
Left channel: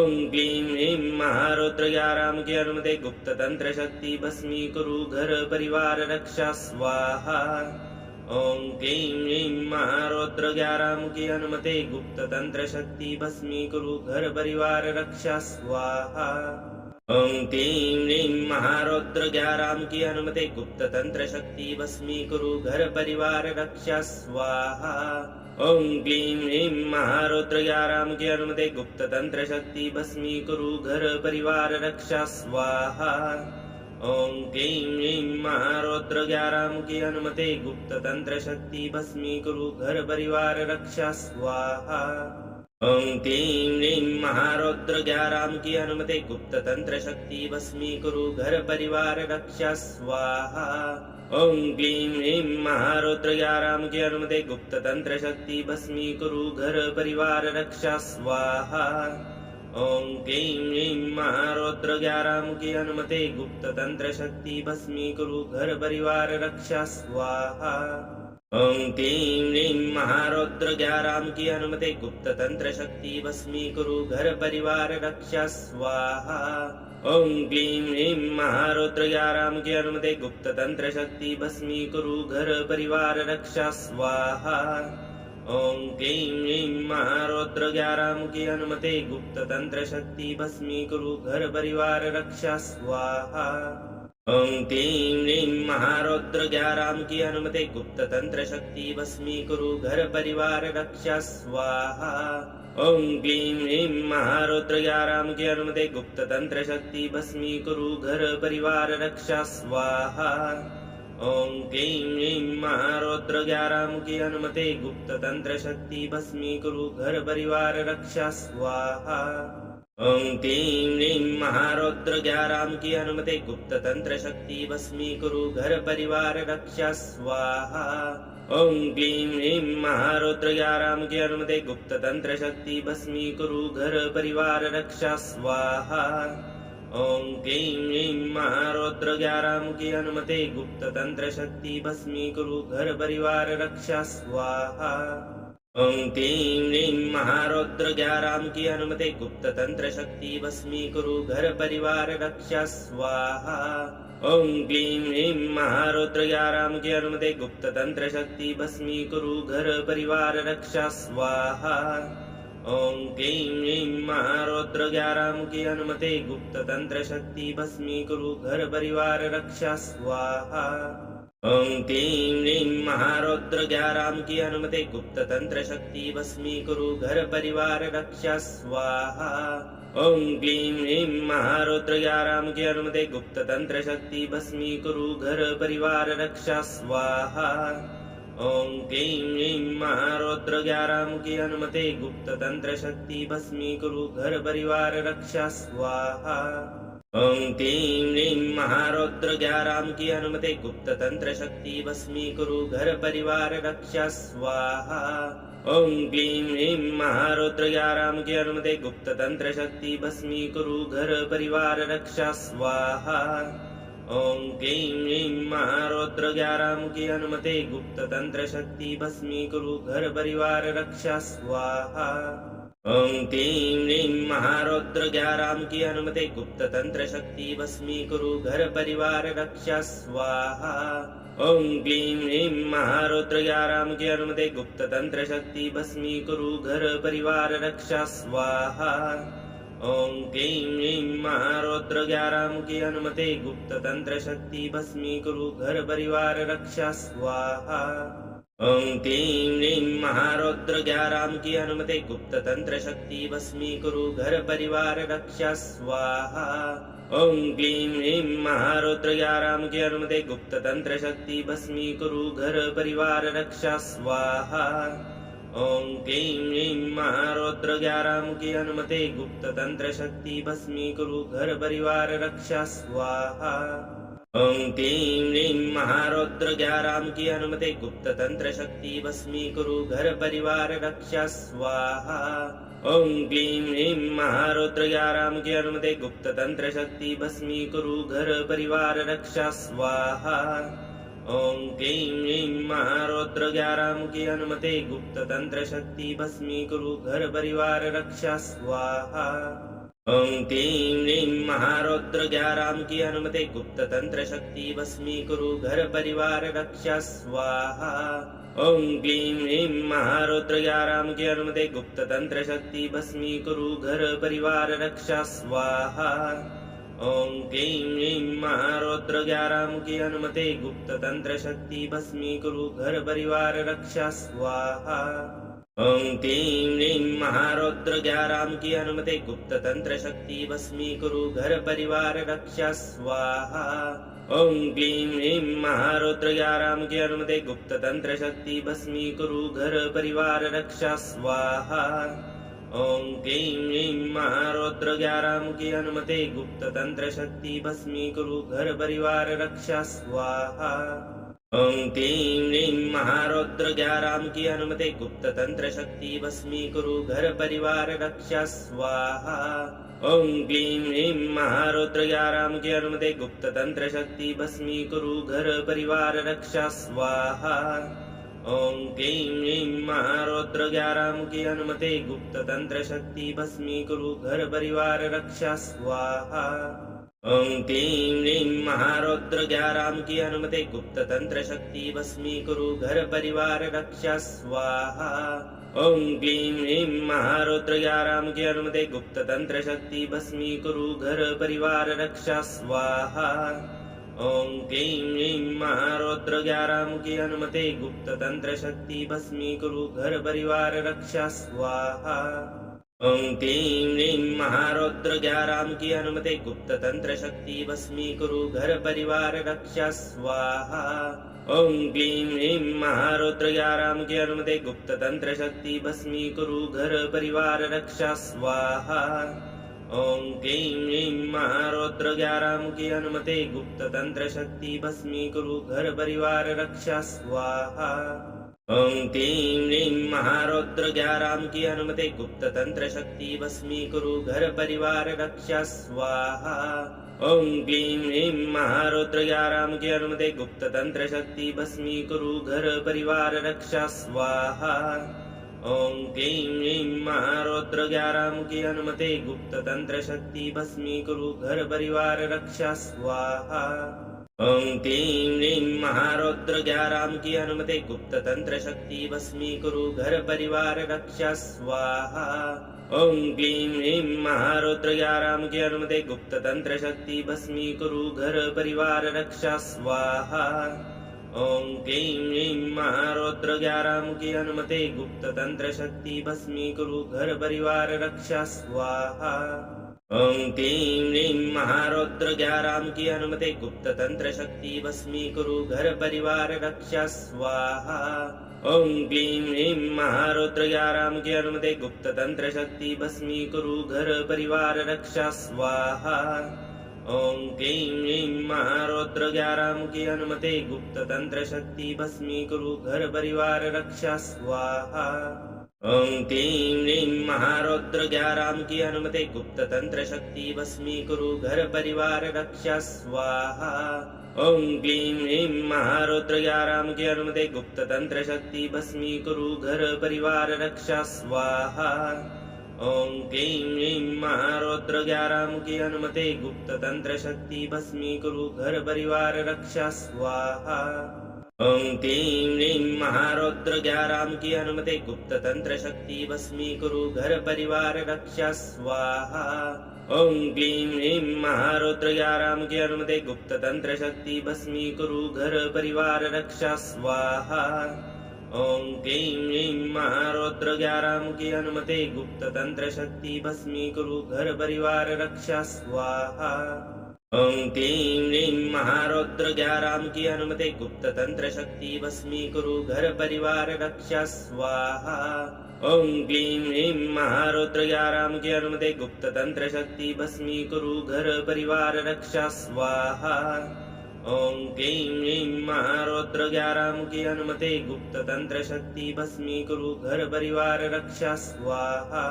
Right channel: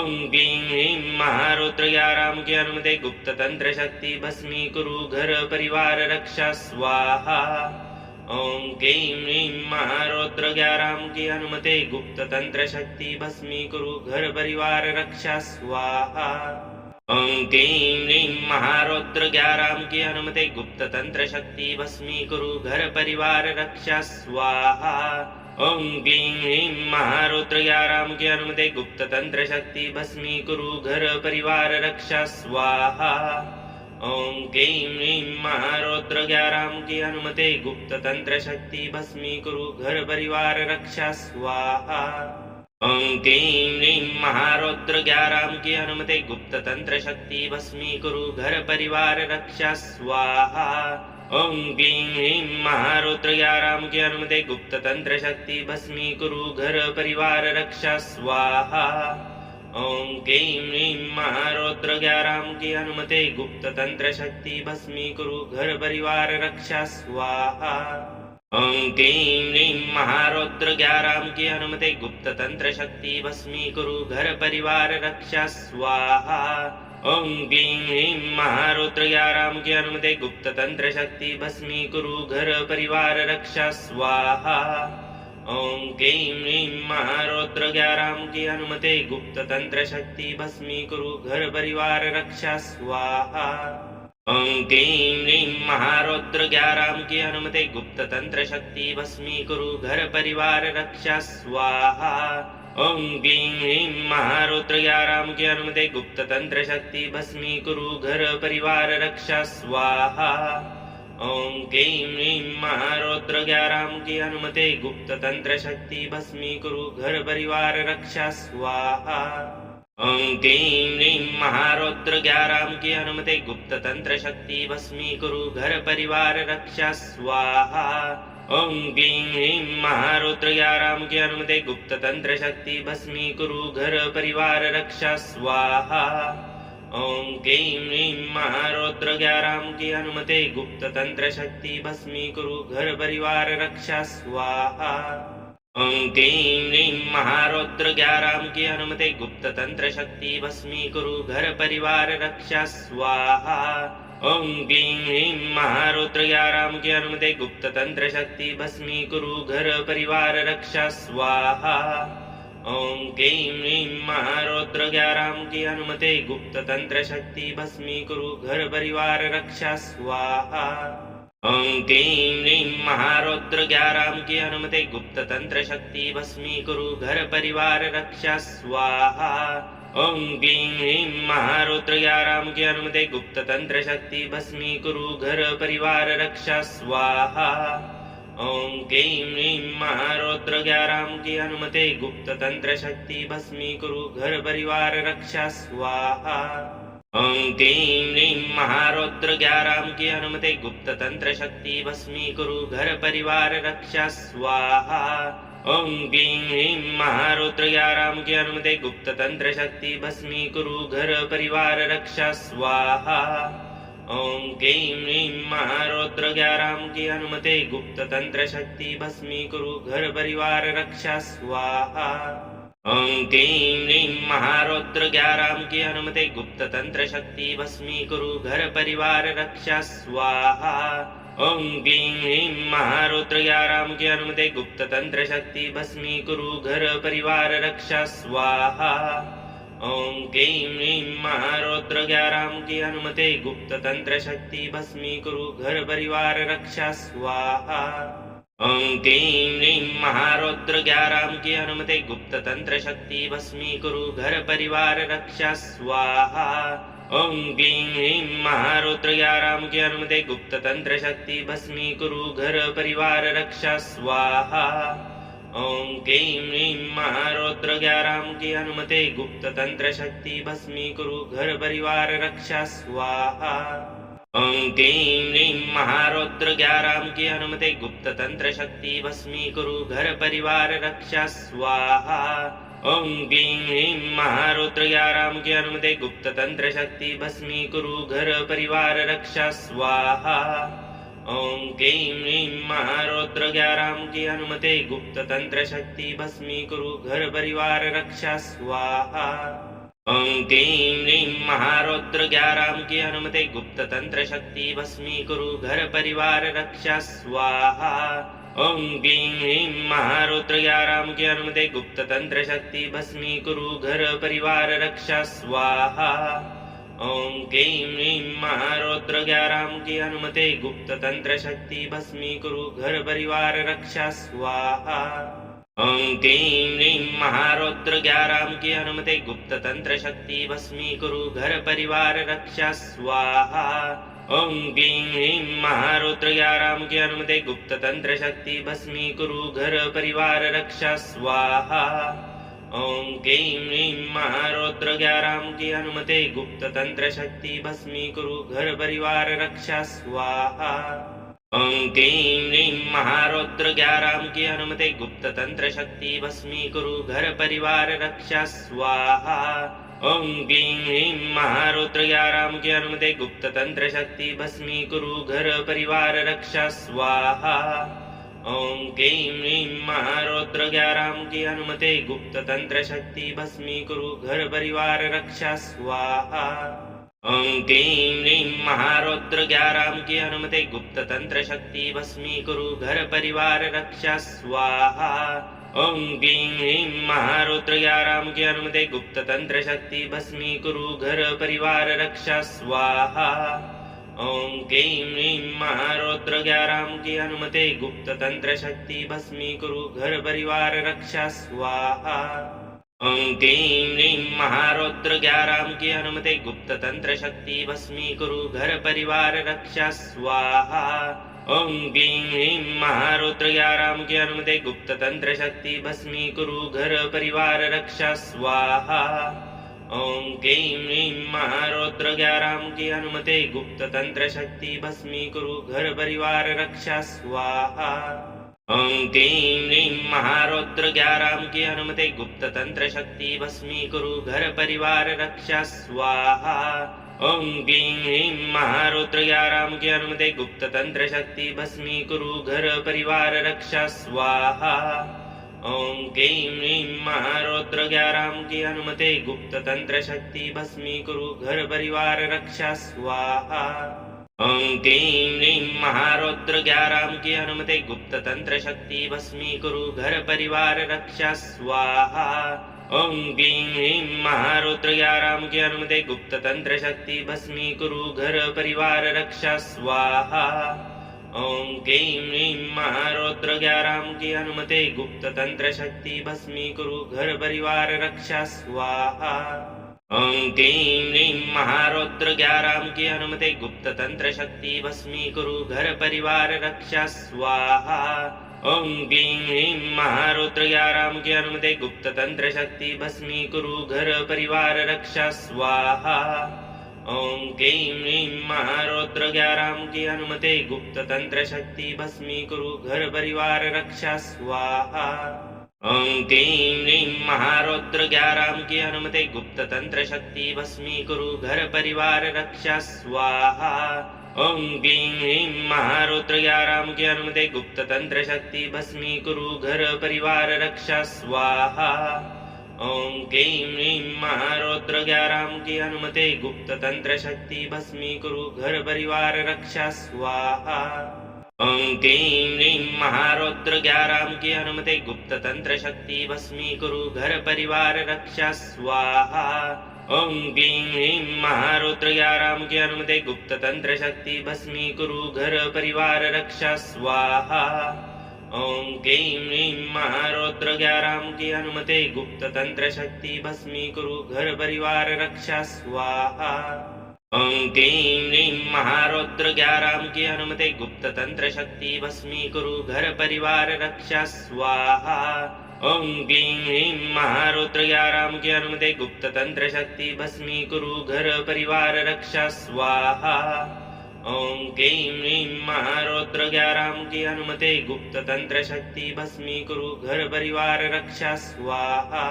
ओम क्लीं ह्रीं महारौद्र 11 मुखी हनुमते गुप्त तंत्र शक्ति भस्मीकुरु घर परिवार रक्षा स्वाहा। ओम क्लीं ह्रीं महारौद्र 11 मुखी हनुमते गुप्त तंत्र शक्ति भस्मीकुरु घर परिवार रक्षा स्वाहा। ओम क्लीं ह्रीं महारौद्र 11 मुखी हनुमते गुप्त तंत्र शक्ति भस्मीकुरु घर परिवार रक्षा स्वाहा। ओम क्लीं ह्रीं महारौद्र 11 मुखी हनुमते गुप्त तंत्र शक्ति भस्मीकुरु घर परिवार रक्षा स्वाहा। ओम क्लीं ह्रीं महारौद्र 11 मुखी हनुमते गुप्त तंत्र शक्ति भस्मीकुरु घर परिवार रक्षा स्वाहा। ओम क्लीं ह्रीं महारौद्र 11 मुखी हनुमते गुप्त तंत्र शक्ति भस्मीकुरु घर परिवार रक्षा स्वाहा। ओम क्लीं ह्रीं महारौद्र 11 मुखी हनुमते गुप्त तंत्र शक्ति भस्मीकुरु घर परिवार रक्षा स्वाहा। ओम क्लीं ह्रीं महारौद्र 11 मुखी हनुमते गुप्त तंत्र शक्ति भस्मीकुरु घर परिवार रक्षा स्वाहा। ओम क्लीं ह्रीं महारौद्र 11 मुखी हनुमते गुप्त तंत्र शक्ति भस्मीकुरु घर परिवार रक्षा स्वाहा। ओम क्लीं ह्रीं महारौद्र 11 मुखी हनुमते गुप्त तंत्र शक्ति भस्मीकुरु घर परिवार रक्षा स्वाहा। ओम क्लीं ह्रीं महारौद्र 11 मुखी हनुमते गुप्त तंत्र शक्ति भस्मीकुरु घर परिवार रक्षा स्वाहा। ओम क्लीं ह्रीं महारौद्र 11 मुखी हनुमते गुप्त तंत्र शक्ति भस्मीकुरु घर परिवार रक्षा स्वाहा। ओम क्लीं ह्रीं महारौद्र 11 मुखी हनुमते गुप्त तंत्र शक्ति भस्मीकुरु घर परिवार रक्षा स्वाहा। ओम क्लीं ह्रीं महारौद्र 11 मुखी हनुमते गुप्त तंत्र शक्ति भस्मीकुरु घर परिवार रक्षा स्वाहा। ओं क्लीं ह्रीं महारौद्र ग्यारां की अनुमति गुप्त तंत्र शक्ति भस्मीकुरु घर परिवार रक्षा स्वाहा। ओं क्लीं ह्रीं महारौद्र ग्यारां की अनुमति गुप्त तंत्र शक्ति भस्मीकुरु घर परिवार रक्षा स्वाहा। ओं क्लीं ह्रीं महारौद्र ग्यारां की अनुमति गुप्त तंत्र शक्ति भस्मीकुरु घर परिवार रक्षा स्वाहा। ओं क्लीं ह्रीं महारौद्र ग्यारां की अनुमति गुप्त तंत्र शक्ति भस्मीकुरु घर परिवार रक्षा स्वाहा। ओं क्लीं ह्रीं महारौद्र ग्यारां की अनुमति गुप्त तंत्र शक्ति भस्मीकुरु घर परिवार रक्षा स्वाहा। ओं क्लीं ह्रीं महारौद्र ग्यारां की अनुमति गुप्त तंत्र शक्ति भस्मीकुरु घर परिवार रक्षा स्वाहा। ओं क्लीं ह्रीं महारौद्र ग्यारां की अनुमति गुप्त तंत्र शक्ति भस्मीकुरु घर परिवार रक्षा स्वाहा। ओं क्लीं ह्रीं महारौद्र ग्यारां की अनुमति गुप्त तंत्र शक्ति भस्मीकुरु घर परिवार रक्षा स्वाहा। ओं क्लीं ह्रीं महारौद्र ग्यारां की अनुमति गुप्त तंत्र शक्ति भस्मीकुरु घर परिवार रक्षा स्वाहा। ओं क्लीं ह्रीं महारौद्र ग्यारां की अनुमति गुप्त तंत्र शक्ति भस्मीकुरु घर परिवार रक्षा स्वाहा। ओं क्लीं ह्रीं महारौद्र ग्यारां की अनुमति गुप्त तंत्र शक्ति भस्मीकुरु घर परिवार रक्षा स्वाहा। ओं क्लीं ह्रीं महारौद्र ग्यारां की अनुमति गुप्त तंत्र शक्ति भस्मीकुरु घर परिवार रक्षा स्वाहा। ओं क्लीं ह्रीं महारौद्र ग्यारां की अनुमति गुप्त तंत्र शक्ति भस्मीकुरु घर परिवार रक्षा स्वाहा। ओं क्लीं ह्रीं महारौद्र ग्यारां की अनुमति गुप्त तंत्र शक्ति भस्मीकुरु घर परिवार रक्षा स्वाहा। ओं क्लीं ह्रीं महारौद्र ग्यारां की अनुमति गुप्त तंत्र शक्ति भस्मीकुरु घर परिवार रक्षा स्वाहा। ओं क्लीं ह्रीं महारौद्र ग्यारां की अनुमति गुप्त तंत्र शक्ति भस्मीकुरु घर परिवार रक्षा स्वाहा। ओं क्लीं ह्रीं महारौद्र ग्यारां की अनुमति गुप्त तंत्र शक्ति भस्मीकुरु घर परिवार रक्षा स्वाहा। ओं क्लीं ह्रीं महारौद्र ग्यारां की अनुमति गुप्त तंत्र शक्ति भस्मीकुरु घर परिवार रक्षा स्वाहा। ओं क्लीं ह्रीं महारौद्र ग्यारां की अनुमति गुप्त तंत्र शक्ति भस्मीकुरु घर परिवार रक्षा स्वाहा। ओं क्लीं ह्रीं महारौद्र ग्यारां की अनुमति गुप्त तंत्र शक्ति भस्मीकुरु घर परिवार रक्षा स्वाहा। ओं क्लीं ह्रीं महारौद्र ग्यारां की अनुमति गुप्त तंत्र शक्ति भस्मीकुरु घर परिवार रक्षा स्वाहा। ओं क्लीं ह्रीं महारौद्र ग्यारां की अनुमति गुप्त तंत्र शक्ति भस्मीकुरु घर परिवार रक्षा स्वाहा। ओं क्लीं ह्रीं महारौद्र ग्यारां की अनुमति गुप्त तंत्र शक्ति भस्मीकुरु घर परिवार रक्षा स्वाहा। ओं क्लीं ह्रीं महारौद्र ग्यारां की अनुमति गुप्त तंत्र शक्ति भस्मीकुरु घर परिवार रक्षा स्वाहा। ओं क्लीं ह्रीं महारौद्र ग्यारां की अनुमति गुप्त तंत्र शक्ति भस्मीकुरु घर परिवार रक्षा स्वाहा। ओं क्लीं ह्रीं महारौद्र ग्यारां की अनुमति गुप्त तंत्र शक्ति भस्मीकुरु घर परिवार रक्षा स्वाहा। ओं क्लीं ह्रीं महारौद्र ग्यारां की अनुमति गुप्त तंत्र शक्ति भस्मीकुरु घर परिवार रक्षा स्वाहा। ओं क्लीं ह्रीं महारौद्र ग्यारां की अनुमति गुप्त तंत्र शक्ति भस्मीकुरु घर परिवार रक्षा स्वाहा। ओं क्लीं ह्रीं महारौद्र ग्यारां की अनुमति गुप्त तंत्र शक्ति भस्मीकुरु घर परिवार रक्षा स्वाहा। ओं क्लीं ह्रीं महारौद्र ग्यारां की अनुमति गुप्त तंत्र शक्ति भस्मीकुरु घर परिवार रक्षा स्वाहा। ओं क्लीं ह्रीं महारौद्र ग्यारां की अनुमति गुप्त तंत्र शक्ति भस्मीकुरु घर परिवार रक्षा स्वाहा। ओं क्लीं ह्रीं महारौद्र ग्यारां की अनुमति गुप्त तंत्र शक्ति भस्मीकुरु घर परिवार रक्षा स्वाहा। ओं क्लीं ह्रीं महारौद्र ग्यारां की अनुमति गुप्त तंत्र शक्ति भस्मीकुरु घर परिवार रक्षा स्वाहा। ओं क्लीं ह्रीं महारौद्र ग्यारां की अनुमति गुप्त तंत्र शक्ति भस्मीकुरु घर परिवार रक्षा स्वाहा। ओं क्लीं ह्रीं महारौद्र ग्यारां की अनुमति गुप्त तंत्र शक्ति भस्मीकुरु घर परिवार रक्षा स्वाहा। ओम क्लीं ह्रीं महारौद्र 11 की अनुमति गुप्त तंत्र शक्ति भस्मीकुरु घर परिवार रक्षा स्वाहा। ओम क्लीं ह्रीं महारौद्र 11 की अनुमति गुप्त तंत्र शक्ति भस्मीकुरु घर परिवार रक्षा स्वाहा। ओम क्लीं ह्रीं महारौद्र 11 की अनुमति गुप्त तंत्र शक्ति भस्मीकुरु घर परिवार रक्षा स्वाहा। ओम क्लीं ह्रीं महारौद्र 11 की अनुमति गुप्त तंत्र शक्ति भस्मीकुरु घर परिवार रक्षा स्वाहा। ओम क्लीं ह्रीं महारौद्र 11 की अनुमति गुप्त तंत्र शक्ति भस्मीकुरु घर परिवार रक्षा स्वाहा। ओम क्लीं ह्रीं महारौद्र 11 की अनुमति गुप्त तंत्र शक्ति भस्मीकुरु घर परिवार रक्षा स्वाहा। ओम क्लीं ह्रीं महारौद्र 11 की अनुमति गुप्त तंत्र शक्ति भस्मीकुरु घर परिवार रक्षा स्वाहा। ओम क्लीं ह्रीं महारौद्र 11 की अनुमति गुप्त तंत्र शक्ति भस्मीकुरु घर परिवार रक्षा स्वाहा। ओम क्लीं ह्रीं महारौद्र 11 की अनुमति गुप्त तंत्र शक्ति भस्मीकुरु घर परिवार रक्षा स्वाहा। ओम क्लीं ह्रीं महारौद्र 11 की अनुमति गुप्त तंत्र शक्ति भस्मीकुरु घर परिवार रक्षा स्वाहा। ओम क्लीं ह्रीं महारौद्र 11 की अनुमति गुप्त तंत्र शक्ति भस्मीकुरु घर परिवार रक्षा स्वाहा। ओम क्लीं ह्रीं महारौद्र 11 की अनुमति गुप्त तंत्र शक्ति भस्मीकुरु घर परिवार रक्षा स्वाहा। ओम क्लीं ह्रीं महारौद्र 11 की अनुमति गुप्त तंत्र शक्ति भस्मीकुरु घर परिवार रक्षा स्वाहा। ओम क्लीं ह्रीं महारौद्र 11 की अनुमति गुप्त तंत्र शक्ति भस्मीकुरु घर परिवार रक्षा स्वाहा। ओम क्लीं ह्रीं महारौद्र 11 की अनुमति गुप्त तंत्र शक्ति भस्मीकुरु घर परिवार रक्षा स्वाहा। ओम क्लीं ह्रीं महारौद्र 11 की अनुमति गुप्त तंत्र शक्ति भस्मीकुरु घर परिवार रक्षा स्वाहा। ओम क्लीं ह्रीं महारौद्र 11 की अनुमति गुप्त तंत्र शक्ति भस्मीकुरु घर परिवार रक्षा स्वाहा। ओम क्लीं ह्रीं महारौद्र 11 की अनुमति गुप्त तंत्र शक्ति भस्मीकुरु घर परिवार रक्षा स्वाहा। ओम क्लीं ह्रीं महारौद्र 11 की अनुमति गुप्त तंत्र शक्ति भस्मीकुरु घर परिवार रक्षा स्वाहा।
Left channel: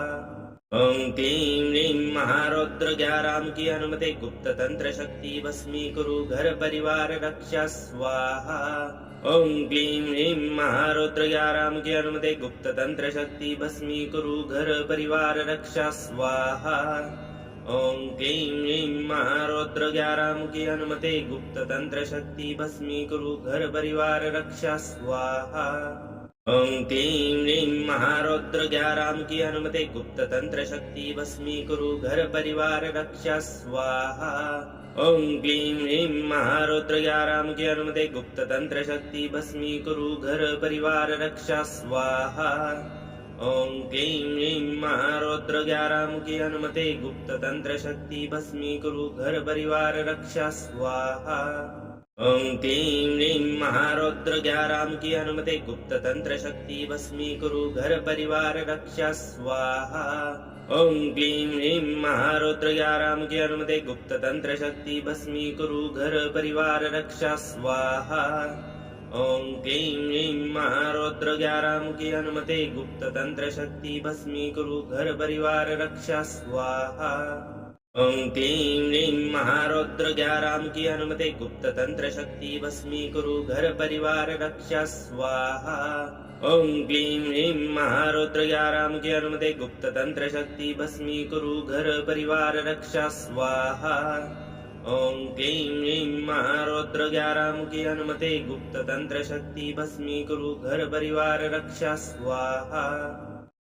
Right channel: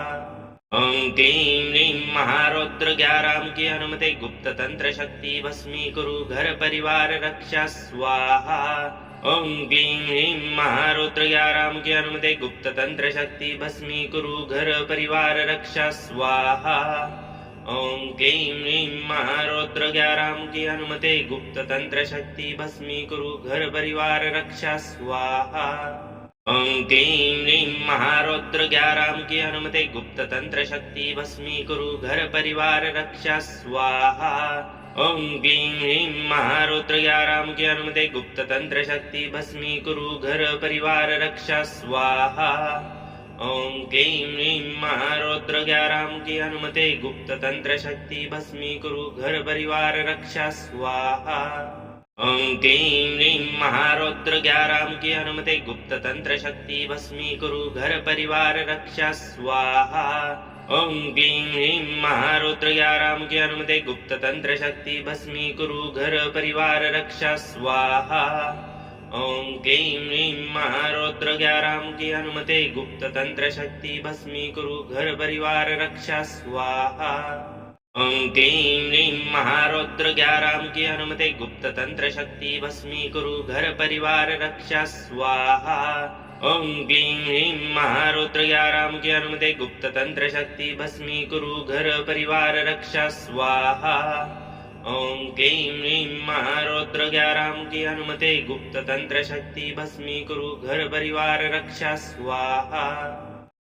ओम क्लीं ह्रीं महारौद्र 11 की अनुमति गुप्त तंत्र शक्ति भस्मीकुरु घर परिवार रक्षा स्वाहा। ओम क्लीं ह्रीं महारौद्र 11 की अनुमति गुप्त तंत्र शक्ति भस्मीकुरु घर परिवार रक्षा स्वाहा। ओम क्लीं ह्रीं महारौद्र 11 की अनुमति गुप्त तंत्र शक्ति भस्मीकुरु घर परिवार रक्षा स्वाहा। ओम क्लीं ह्रीं महारौद्र 11 की अनुमति गुप्त तंत्र शक्ति भस्मीकुरु घर परिवार रक्षा स्वाहा। ओम क्लीं ह्रीं महारौद्र 11 की अनुमति गुप्त तंत्र शक्ति भस्मीकुरु घर परिवार रक्षा स्वाहा। ओम क्लीं ह्रीं महारौद्र 11 की अनुमति गुप्त तंत्र शक्ति भस्मीकुरु घर परिवार रक्षा स्वाहा। ओम क्लीं ह्रीं महारौद्र 11 की अनुमति गुप्त तंत्र शक्ति भस्मीकुरु घर परिवार रक्षा स्वाहा। ओम क्लीं ह्रीं महारौद्र 11 की अनुमति गुप्त तंत्र शक्ति भस्मीकुरु घर परिवार रक्षा स्वाहा। ओम क्लीं ह्रीं महारौद्र 11 की अनुमति गुप्त तंत्र शक्ति भस्मीकुरु घर परिवार रक्षा स्वाहा। ओम क्लीं ह्रीं महारौद्र 11 की अनुमति गुप्त तंत्र शक्ति भस्मीकुरु घर परिवार रक्षा स्वाहा। ओम क्लीं ह्रीं महारौद्र 11 की अनुमति गुप्त तंत्र शक्ति भस्मीकुरु घर परिवार रक्षा स्वाहा। ओम क्लीं ह्रीं महारौद्र 11 की अनुमति गुप्त तंत्र शक्ति भस्मीकुरु घर परिवार रक्षा स्वाहा।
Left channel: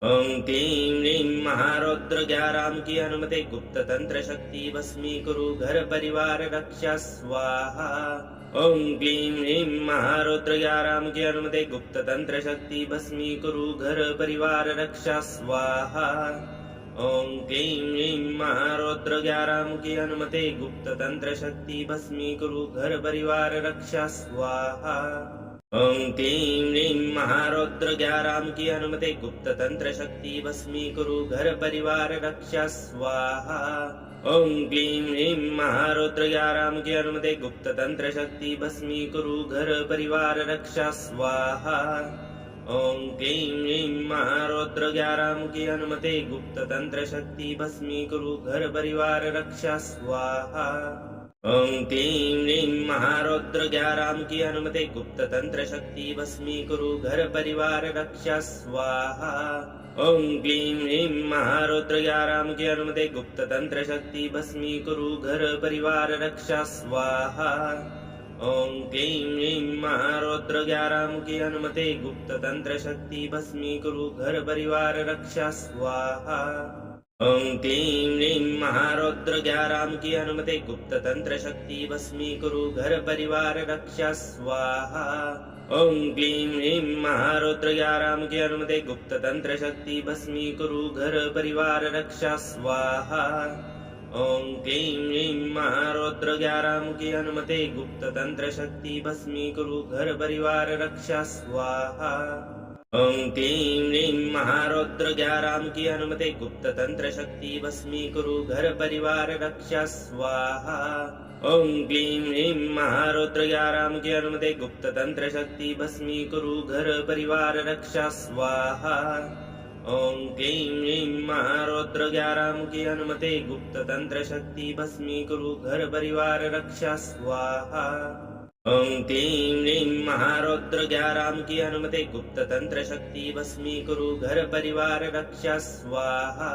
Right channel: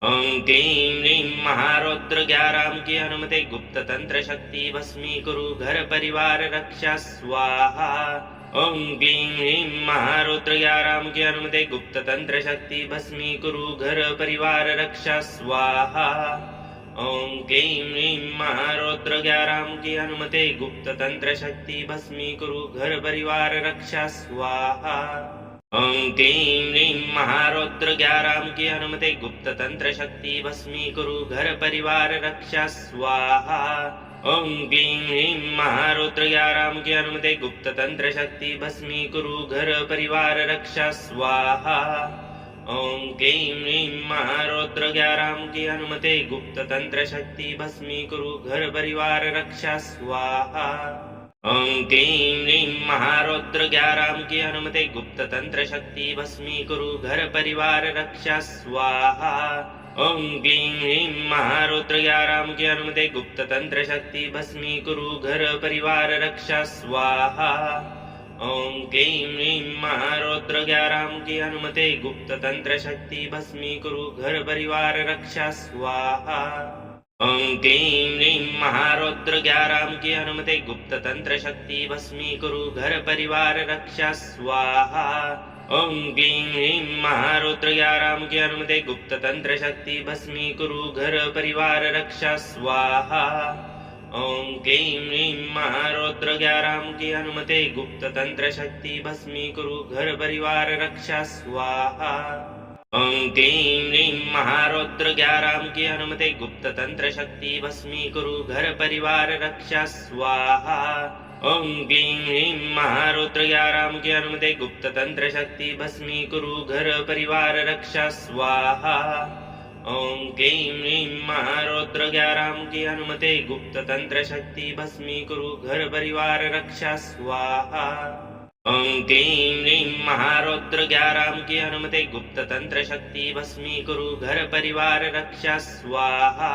ओम क्लीं ह्रीं महारौद्र 11 की अनुमति गुप्त तंत्र शक्ति भस्मीकुरु घर परिवार रक्षा स्वाहा। ओम क्लीं ह्रीं महारौद्र 11 की अनुमति गुप्त तंत्र शक्ति भस्मीकुरु घर परिवार रक्षा स्वाहा। ओम क्लीं ह्रीं महारौद्र 11 की अनुमति गुप्त तंत्र शक्ति भस्मीकुरु घर परिवार रक्षा स्वाहा। ओं क्लीं ह्रीं महारौद्र ग्याराम की अनुमति गुप्त तंत्र शक्ति भस्मीकुरु घर परिवार रक्षा स्वाहा। ओं क्लीं ह्रीं महारौद्र ग्याराम की अनुमति गुप्त तंत्र शक्ति भस्मीकुरु घर परिवार रक्षा स्वाहा। ओं क्लीं ह्रीं महारौद्र ग्याराम की अनुमति गुप्त तंत्र शक्ति भस्मीकुरु घर परिवार रक्षा स्वाहा। ओं क्लीं ह्रीं महारौद्र ग्याराम की अनुमति गुप्त तंत्र शक्ति भस्मीकुरु घर परिवार रक्षा स्वाहा। ओं क्लीं ह्रीं महारौद्र ग्याराम की अनुमति गुप्त तंत्र शक्ति भस्मीकुरु घर परिवार रक्षा स्वाहा। ओं क्लीं ह्रीं महारौद्र ग्याराम की अनुमति गुप्त तंत्र शक्ति भस्मीकुरु घर परिवार रक्षा स्वाहा। ओं क्लीं ह्रीं महारौद्र ग्याराम की अनुमति गुप्त तंत्र शक्ति भस्मीकुरु घर परिवार रक्षा स्वाहा। ओं क्लीं ह्रीं महारौद्र ग्याराम की अनुमति गुप्त तंत्र शक्ति भस्मीकुरु घर परिवार रक्षा स्वाहा। ओं क्लीं ह्रीं महारौद्र ग्याराम की अनुमति गुप्त तंत्र शक्ति भस्मीकुरु घर परिवार रक्षा स्वाहा। ओं क्लीं ह्रीं महारौद्र ग्याराम की अनुमति गुप्त तंत्र शक्ति भस्मीकुरु घर परिवार रक्षा स्वाहा। ओं क्लीं ह्रीं महारौद्र ग्याराम की अनुमति गुप्त तंत्र शक्ति भस्मीकुरु घर परिवार रक्षा स्वाहा। ओं क्लीं ह्रीं महारौद्र ग्याराम की अनुमति गुप्त तंत्र शक्ति भस्मीकुरु घर परिवार रक्षा स्वाहा। ओं क्लीं ह्रीं महारौद्र ग्याराम की अनुमति गुप्त तंत्र शक्ति भस्मीकुरु घर परिवार रक्षा स्वाहा।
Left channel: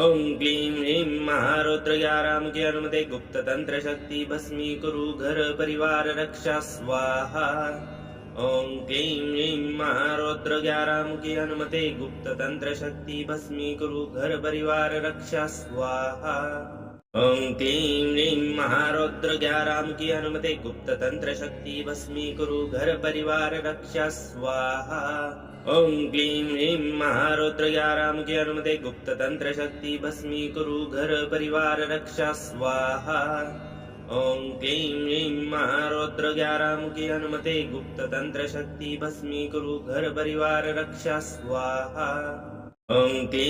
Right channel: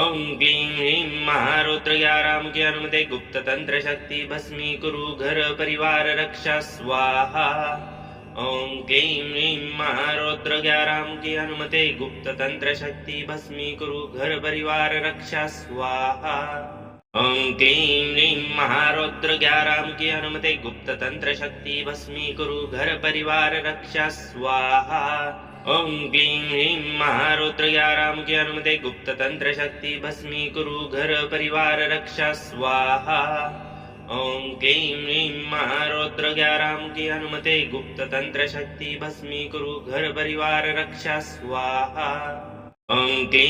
ओं क्लीं ह्रीं महारौद्र ग्याराम की अनुमति गुप्त तंत्र शक्ति भस्मीकुरु घर परिवार रक्षा स्वाहा। ओं क्लीं ह्रीं महारौद्र ग्याराम की अनुमति गुप्त तंत्र शक्ति भस्मीकुरु घर परिवार रक्षा स्वाहा। ओं क्लीं ह्रीं महारौद्र ग्याराम की अनुमति गुप्त तंत्र शक्ति भस्मीकुरु घर परिवार रक्षा स्वाहा। ओं क्लीं ह्रीं महारौद्र ग्याराम की अनुमति गुप्त तंत्र शक्ति भस्मीकुरु घर परिवार रक्षा स्वाहा। ओं क्लीं ह्रीं महारौद्र ग्याराम की अनुमति गुप्त तंत्र शक्ति भस्मीकुरु घर परिवार रक्षा स्वाहा। ओं क्लीं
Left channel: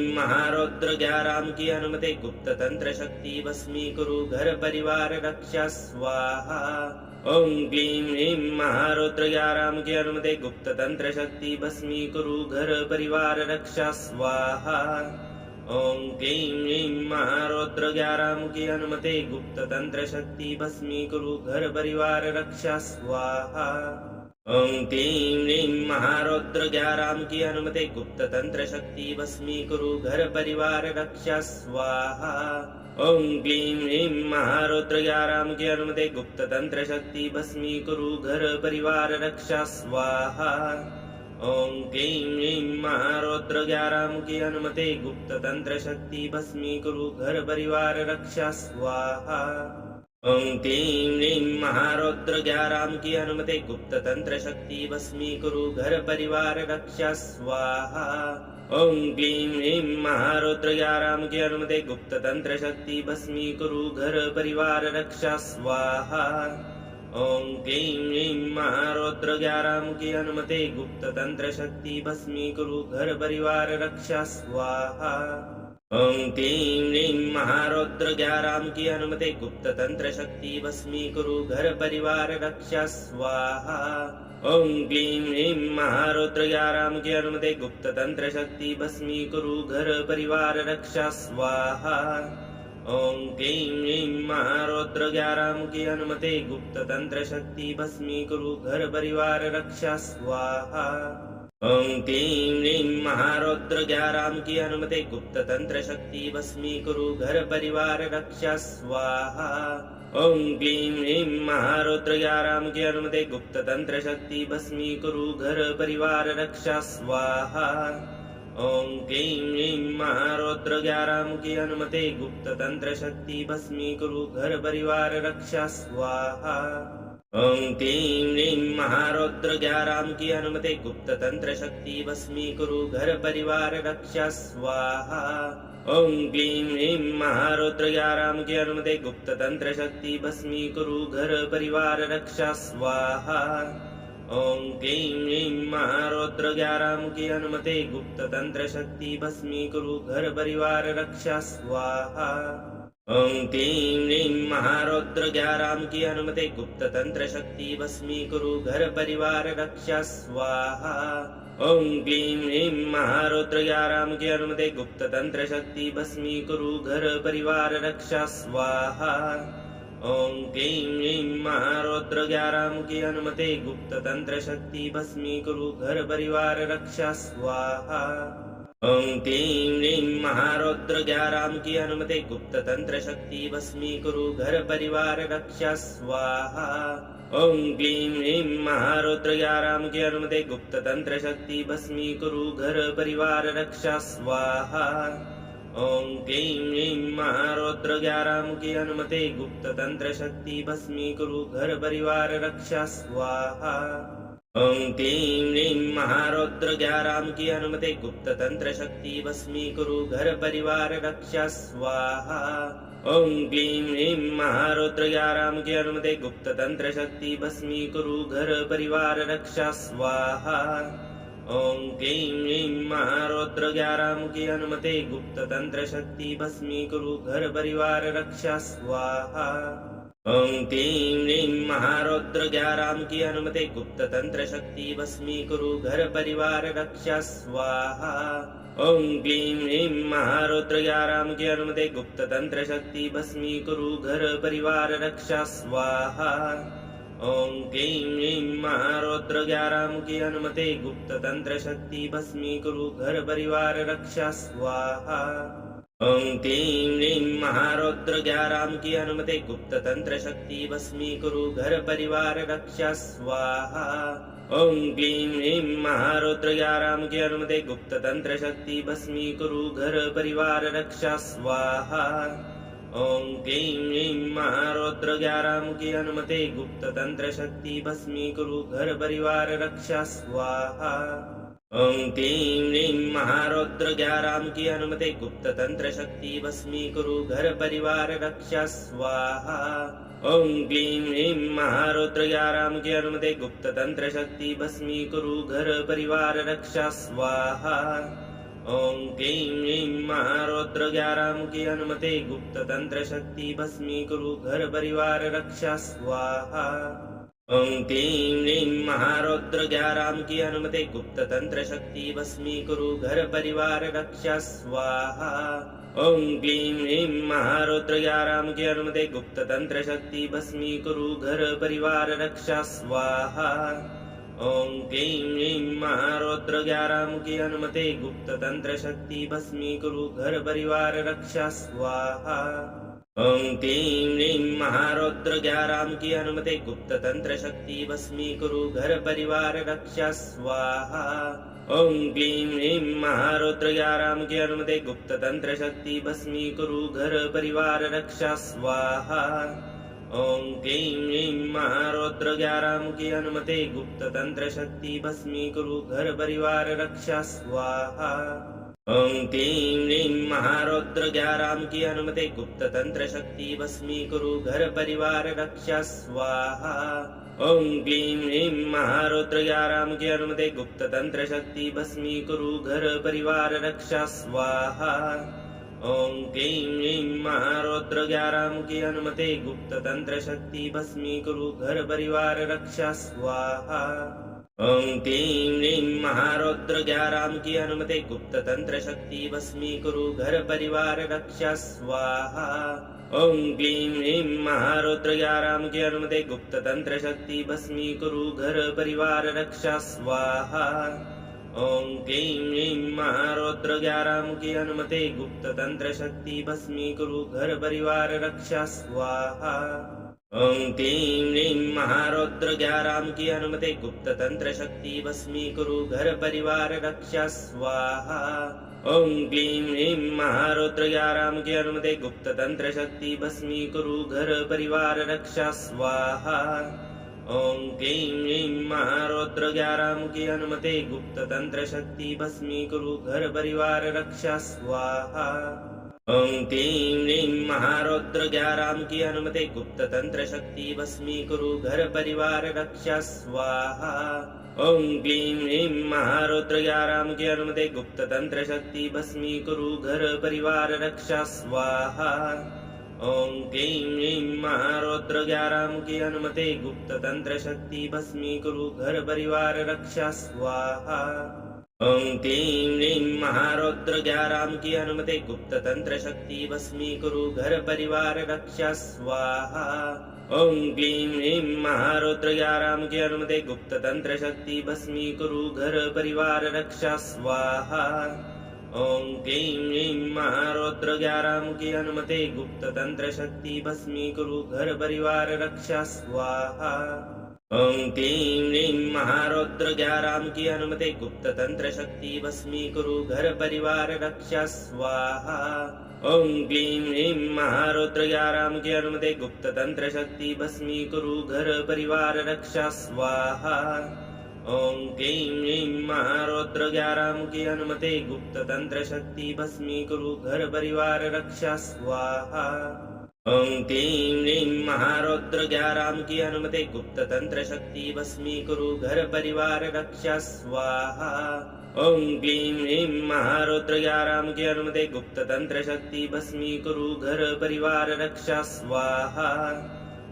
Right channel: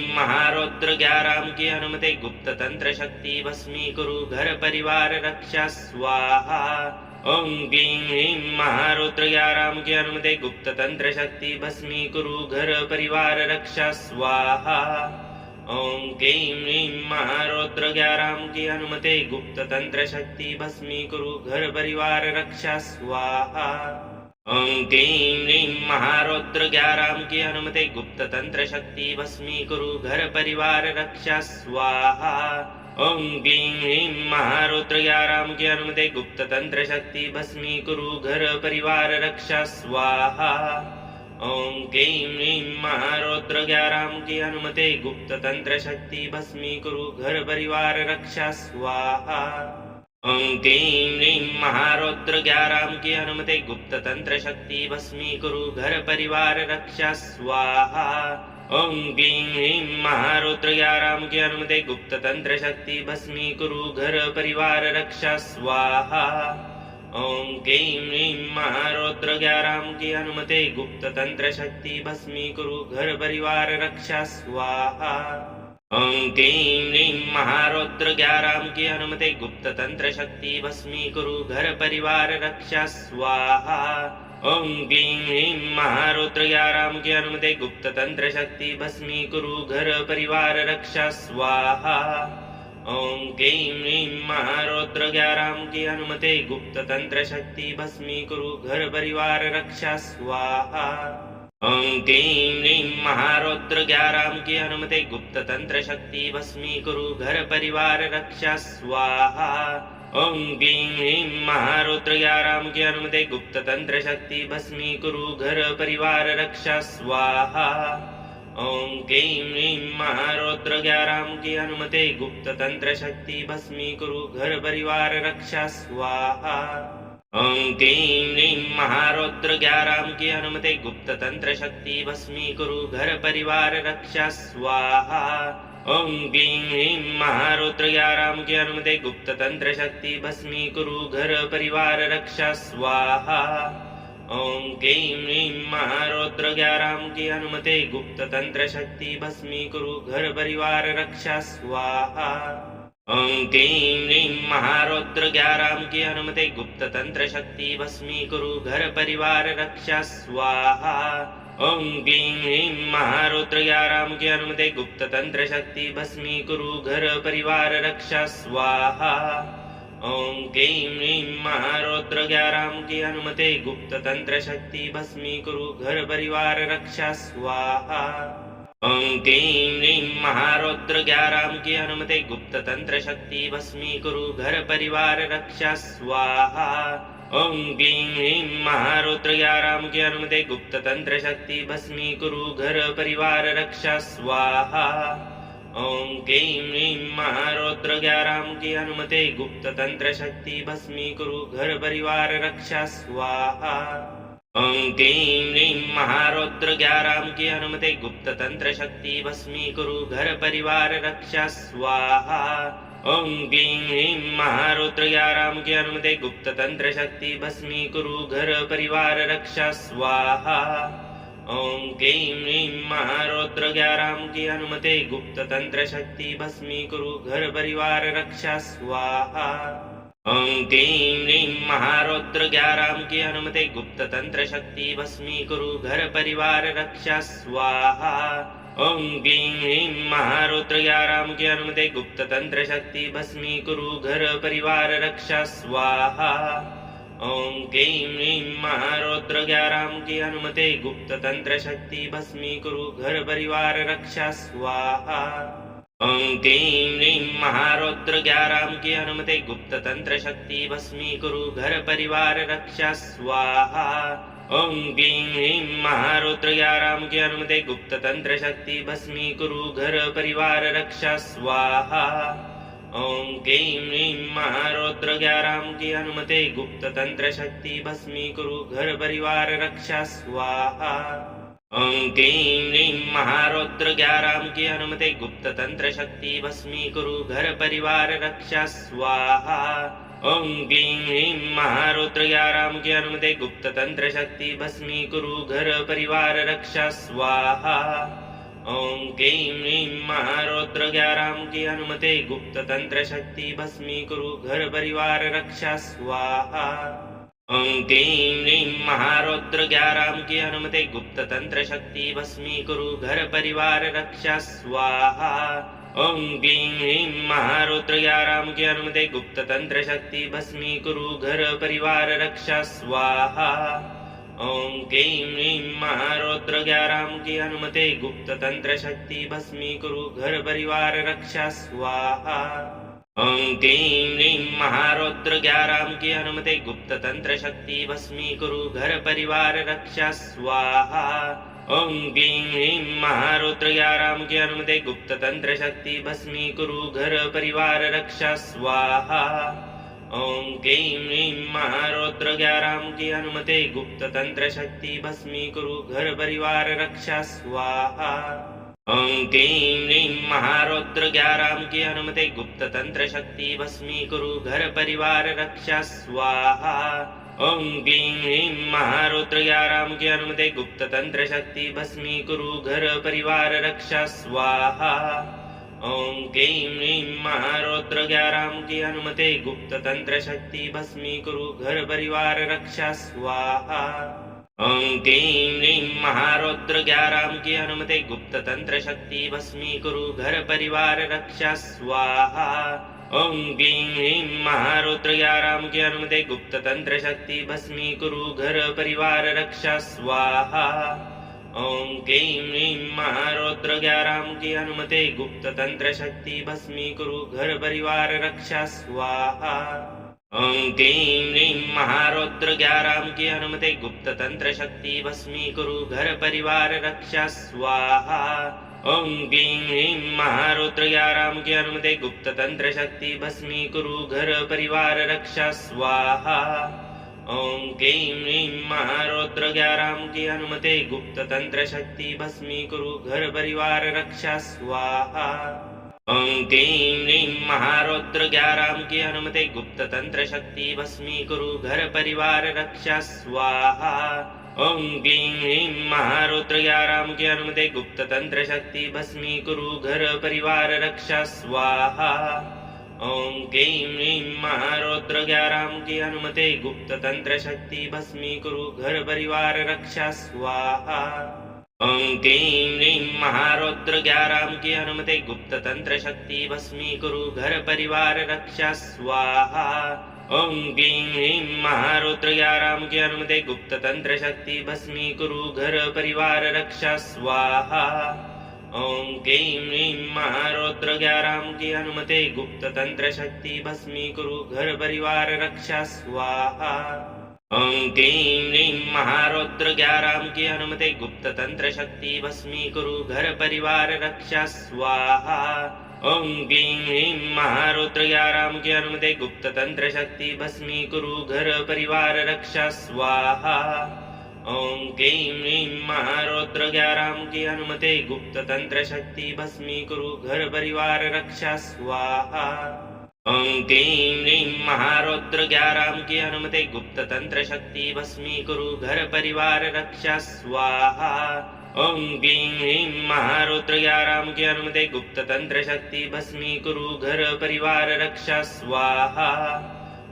ह्रीं महारौद्र ग्याराम की अनुमति गुप्त तंत्र शक्ति भस्मीकुरु घर परिवार रक्षा स्वाहा। ओं क्लीं ह्रीं महारौद्र ग्याराम की अनुमति गुप्त तंत्र शक्ति भस्मीकुरु घर परिवार रक्षा स्वाहा। ओं क्लीं ह्रीं महारौद्र ग्याराम की अनुमति गुप्त तंत्र शक्ति भस्मीकुरु घर परिवार रक्षा स्वाहा। ओं क्लीं ह्रीं महारौद्र ग्याराम की अनुमति गुप्त तंत्र शक्ति भस्मीकुरु घर परिवार रक्षा स्वाहा। ओं क्लीं ह्रीं महारौद्र ग्याराम की अनुमति गुप्त तंत्र शक्ति भस्मीकुरु घर परिवार रक्षा स्वाहा। ओं क्लीं ह्रीं महारौद्र ग्याराम की अनुमति गुप्त तंत्र शक्ति भस्मीकुरु घर परिवार रक्षा स्वाहा। ओं क्लीं ह्रीं महारौद्र ग्याराम की अनुमति गुप्त तंत्र शक्ति भस्मीकुरु घर परिवार रक्षा स्वाहा। ओं क्लीं ह्रीं महारौद्र ग्याराम की अनुमति गुप्त तंत्र शक्ति भस्मीकुरु घर परिवार रक्षा स्वाहा। ओं क्लीं ह्रीं महारौद्र ग्याराम की अनुमति गुप्त तंत्र शक्ति भस्मीकुरु घर परिवार रक्षा स्वाहा। ओं क्लीं ह्रीं महारौद्र ग्याराम की अनुमति गुप्त तंत्र शक्ति भस्मीकुरु घर परिवार रक्षा स्वाहा। ओं क्लीं ह्रीं महारौद्र ग्याराम की अनुमति गुप्त तंत्र शक्ति भस्मीकुरु घर परिवार रक्षा स्वाहा। ओं क्लीं ह्रीं महारौद्र ग्याराम की अनुमति गुप्त तंत्र शक्ति भस्मीकुरु घर परिवार रक्षा स्वाहा। ओं क्लीं ह्रीं महारौद्र ग्याराम की अनुमति गुप्त तंत्र शक्ति भस्मीकुरु घर परिवार रक्षा स्वाहा। ओं क्लीं ह्रीं महारौद्र ग्याराम की अनुमति गुप्त तंत्र शक्ति भस्मीकुरु घर परिवार रक्षा स्वाहा। ओं क्लीं ह्रीं महारौद्र ग्याराम की अनुमति गुप्त तंत्र शक्ति भस्मीकुरु घर परिवार रक्षा स्वाहा। ओं क्लीं ह्रीं महारौद्र ग्याराम की अनुमति गुप्त तंत्र शक्ति भस्मीकुरु घर परिवार रक्षा स्वाहा। ओं क्लीं ह्रीं महारौद्र ग्याराम की अनुमति गुप्त तंत्र शक्ति भस्मीकुरु घर परिवार रक्षा स्वाहा। ओम क्लीं ह्रीं महारौद्र 11 की अनुमते गुप्त तंत्र शक्ति भस्मीकुरु घर परिवार रक्षा स्वाहा। ओम क्लीं ह्रीं महारौद्र 11 की अनुमते गुप्त तंत्र शक्ति भस्मीकुरु घर परिवार रक्षा स्वाहा। ओम क्लीं ह्रीं महारौद्र 11 की अनुमते गुप्त तंत्र शक्ति भस्मीकुरु घर परिवार रक्षा स्वाहा। ओम क्लीं ह्रीं महारौद्र 11 की अनुमते गुप्त तंत्र शक्ति भस्मीकुरु घर परिवार रक्षा स्वाहा। ओम क्लीं ह्रीं महारौद्र 11 की अनुमते गुप्त तंत्र शक्ति भस्मीकुरु घर परिवार रक्षा स्वाहा। ओम क्लीं ह्रीं महारौद्र 11 की अनुमते गुप्त तंत्र शक्ति भस्मीकुरु घर परिवार रक्षा स्वाहा। ओम क्लीं ह्रीं महारौद्र 11 की अनुमते गुप्त तंत्र शक्ति भस्मीकुरु घर परिवार रक्षा स्वाहा। ओम क्लीं ह्रीं महारौद्र 11 की अनुमते गुप्त तंत्र शक्ति भस्मीकुरु घर परिवार रक्षा स्वाहा। ओम क्लीं ह्रीं महारौद्र 11 की अनुमते गुप्त तंत्र शक्ति भस्मीकुरु घर परिवार रक्षा स्वाहा। ओम क्लीं ह्रीं महारौद्र 11 की अनुमते गुप्त तंत्र शक्ति भस्मीकुरु घर परिवार रक्षा स्वाहा। ओम क्लीं ह्रीं महारौद्र 11 की अनुमते गुप्त तंत्र शक्ति भस्मीकुरु घर परिवार रक्षा स्वाहा। ओम क्लीं ह्रीं महारौद्र 11 की अनुमते गुप्त तंत्र शक्ति भस्मीकुरु घर परिवार रक्षा स्वाहा। ओम क्लीं ह्रीं महारौद्र 11 की अनुमते गुप्त तंत्र शक्ति भस्मीकुरु घर परिवार रक्षा स्वाहा। ओम क्लीं ह्रीं महारौद्र 11 की अनुमते गुप्त तंत्र शक्ति भस्मीकुरु घर परिवार रक्षा स्वाहा। ओम क्लीं ह्रीं महारौद्र 11 की अनुमते गुप्त तंत्र शक्ति भस्मीकुरु घर परिवार रक्षा स्वाहा। ओम क्लीं ह्रीं महारौद्र 11 की अनुमते गुप्त तंत्र शक्ति भस्मीकुरु घर परिवार रक्षा स्वाहा। ओम क्लीं ह्रीं महारौद्र 11 की अनुमते गुप्त तंत्र शक्ति भस्मीकुरु घर परिवार रक्षा स्वाहा। ओम क्लीं ह्रीं महारौद्र 11 की अनुमते गुप्त तंत्र शक्ति भस्मीकुरु घर परिवार रक्षा स्वाहा। ओम क्लीं ह्रीं महारौद्र 11 की अनुमते गुप्त तंत्र शक्ति भस्मीकुरु घर परिवार रक्षा स्वाहा। ओम क्लीं ह्रीं महारौद्र 11 की अनुमते गुप्त तंत्र शक्ति भस्मीकुरु घर परिवार रक्षा स्वाहा। ओम क्लीं ह्रीं महारौद्र 11 की अनुमते गुप्त तंत्र शक्ति भस्मीकुरु घर परिवार रक्षा स्वाहा। ओम क्लीं ह्रीं महारौद्र 11 की अनुमते गुप्त तंत्र शक्ति भस्मीकुरु घर परिवार रक्षा स्वाहा। ओम क्लीं ह्रीं महारौद्र 11 की अनुमते गुप्त तंत्र शक्ति भस्मीकुरु घर परिवार रक्षा स्वाहा। ओम क्लीं ह्रीं महारौद्र 11 की अनुमते गुप्त तंत्र शक्ति भस्मीकुरु घर परिवार रक्षा स्वाहा। ओम क्लीं ह्रीं महारौद्र 11 की अनुमते गुप्त तंत्र शक्ति भस्मीकुरु घर परिवार रक्षा स्वाहा। ओम क्लीं ह्रीं महारौद्र 11 की अनुमते गुप्त तंत्र शक्ति भस्मीकुरु घर परिवार रक्षा स्वाहा। ओम क्लीं ह्रीं महारौद्र 11 की अनुमते गुप्त तंत्र शक्ति भस्मीकुरु घर परिवार रक्षा स्वाहा। ओम क्लीं ह्रीं महारौद्र 11 की अनुमते गुप्त तंत्र शक्ति भस्मीकुरु घर परिवार रक्षा स्वाहा। ओम क्लीं ह्रीं महारौद्र 11 की अनुमते गुप्त तंत्र शक्ति भस्मीकुरु घर परिवार रक्षा स्वाहा। ओम क्लीं ह्रीं महारौद्र 11 की अनुमते गुप्त तंत्र शक्ति भस्मीकुरु घर परिवार रक्षा स्वाहा। ओम क्लीं ह्रीं महारौद्र 11 की अनुमते गुप्त तंत्र शक्ति भस्मीकुरु घर परिवार रक्षा स्वाहा। ओम क्लीं ह्रीं महारौद्र 11 की अनुमते गुप्त तंत्र शक्ति भस्मीकुरु घर परिवार रक्षा स्वाहा। ओम क्लीं ह्रीं महारौद्र 11 की अनुमते गुप्त तंत्र शक्ति भस्मीकुरु घर परिवार रक्षा स्वाहा। ओम क्लीं ह्रीं महारौद्र 11 की अनुमते गुप्त तंत्र शक्ति भस्मीकुरु घर परिवार रक्षा स्वाहा। ओं क्लीं ह्रीं महारौद्र ग्याराम की अनुमति गुप्त तंत्र शक्ति भस्मीकुरु घर परिवार रक्षा स्वाहा। ओं क्लीं ह्रीं महारौद्र ग्याराम की अनुमति गुप्त तंत्र शक्ति भस्मीकुरु घर परिवार रक्षा स्वाहा। ओं क्लीं ह्रीं महारौद्र ग्याराम की अनुमति गुप्त तंत्र शक्ति भस्मीकुरु घर परिवार रक्षा स्वाहा। ओं क्लीं ह्रीं महारौद्र ग्याराम की अनुमति गुप्त तंत्र शक्ति भस्मीकुरु घर परिवार रक्षा स्वाहा। ओं क्लीं ह्रीं महारौद्र ग्याराम की अनुमति गुप्त तंत्र शक्ति भस्मीकुरु घर परिवार रक्षा स्वाहा। ओं क्लीं ह्रीं महारौद्र ग्याराम की अनुमति गुप्त तंत्र शक्ति भस्मीकुरु घर परिवार रक्षा स्वाहा। ओं क्लीं ह्रीं महारौद्र ग्याराम की अनुमति गुप्त तंत्र शक्ति भस्मीकुरु घर परिवार रक्षा स्वाहा। ओं क्लीं ह्रीं महारौद्र ग्याराम की अनुमति गुप्त तंत्र शक्ति भस्मीकुरु घर परिवार रक्षा स्वाहा। ओं क्लीं ह्रीं महारौद्र ग्याराम की अनुमति गुप्त तंत्र शक्ति भस्मीकुरु घर परिवार रक्षा स्वाहा। ओं क्लीं ह्रीं महारौद्र ग्याराम की अनुमति गुप्त तंत्र शक्ति भस्मीकुरु घर परिवार रक्षा स्वाहा। ओं क्लीं ह्रीं महारौद्र ग्याराम की अनुमति गुप्त तंत्र शक्ति भस्मीकुरु घर परिवार रक्षा स्वाहा।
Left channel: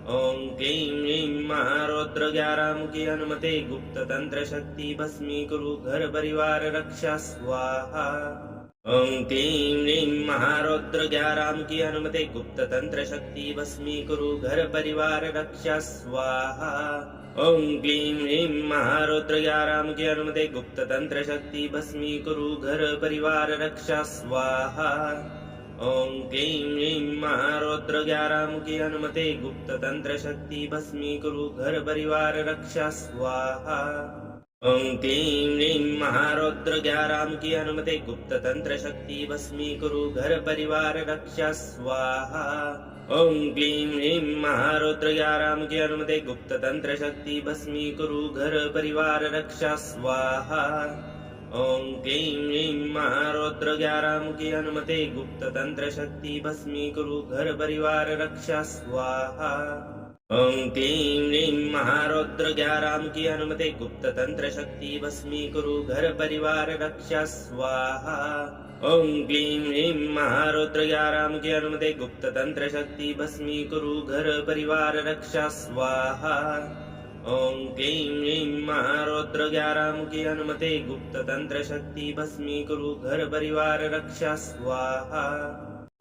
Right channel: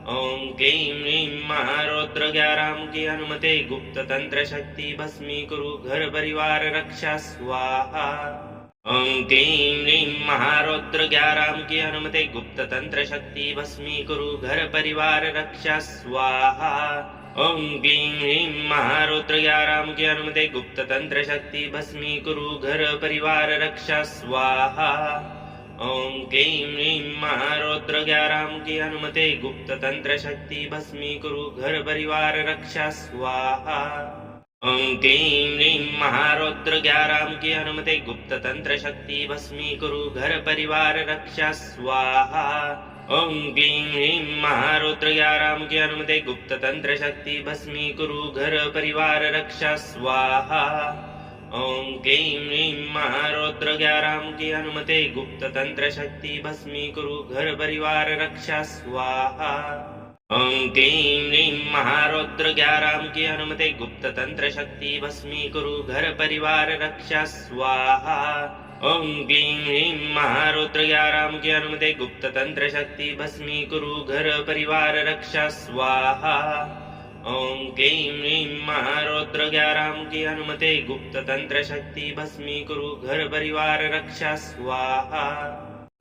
ओं क्लीं ह्रीं महारौद्र ग्याराम की अनुमति गुप्त तंत्र शक्ति भस्मीकुरु घर परिवार रक्षा स्वाहा। ओं क्लीं ह्रीं महारौद्र ग्याराम की अनुमति गुप्त तंत्र शक्ति भस्मीकुरु घर परिवार रक्षा स्वाहा। ओं क्लीं ह्रीं महारौद्र ग्याराम की अनुमति गुप्त तंत्र शक्ति भस्मीकुरु घर परिवार रक्षा स्वाहा। ओं क्लीं ह्रीं महारौद्र ग्याराम की अनुमति गुप्त तंत्र शक्ति भस्मीकुरु घर परिवार रक्षा स्वाहा। ओं क्लीं ह्रीं महारौद्र ग्याराम की अनुमति गुप्त तंत्र शक्ति भस्मीकुरु घर परिवार रक्षा स्वाहा। ओं क्लीं ह्रीं महारौद्र ग्याराम की अनुमति गुप्त तंत्र शक्ति भस्मीकुरु घर परिवार रक्षा स्वाहा। ओं क्लीं ह्रीं महारौद्र ग्याराम की अनुमति गुप्त तंत्र शक्ति भस्मीकुरु घर परिवार रक्षा स्वाहा। ओं क्लीं ह्रीं महारौद्र ग्याराम की अनुमति गुप्त तंत्र शक्ति भस्मीकुरु घर परिवार रक्षा स्वाहा। ओं क्लीं ह्रीं महारौद्र ग्याराम की अनुमति गुप्त तंत्र शक्ति भस्मीकुरु घर परिवार रक्षा स्वाहा। ओं क्लीं ह्रीं महारौद्र ग्याराम की अनुमति गुप्त तंत्र शक्ति भस्मीकुरु घर परिवार रक्षा स्वाहा।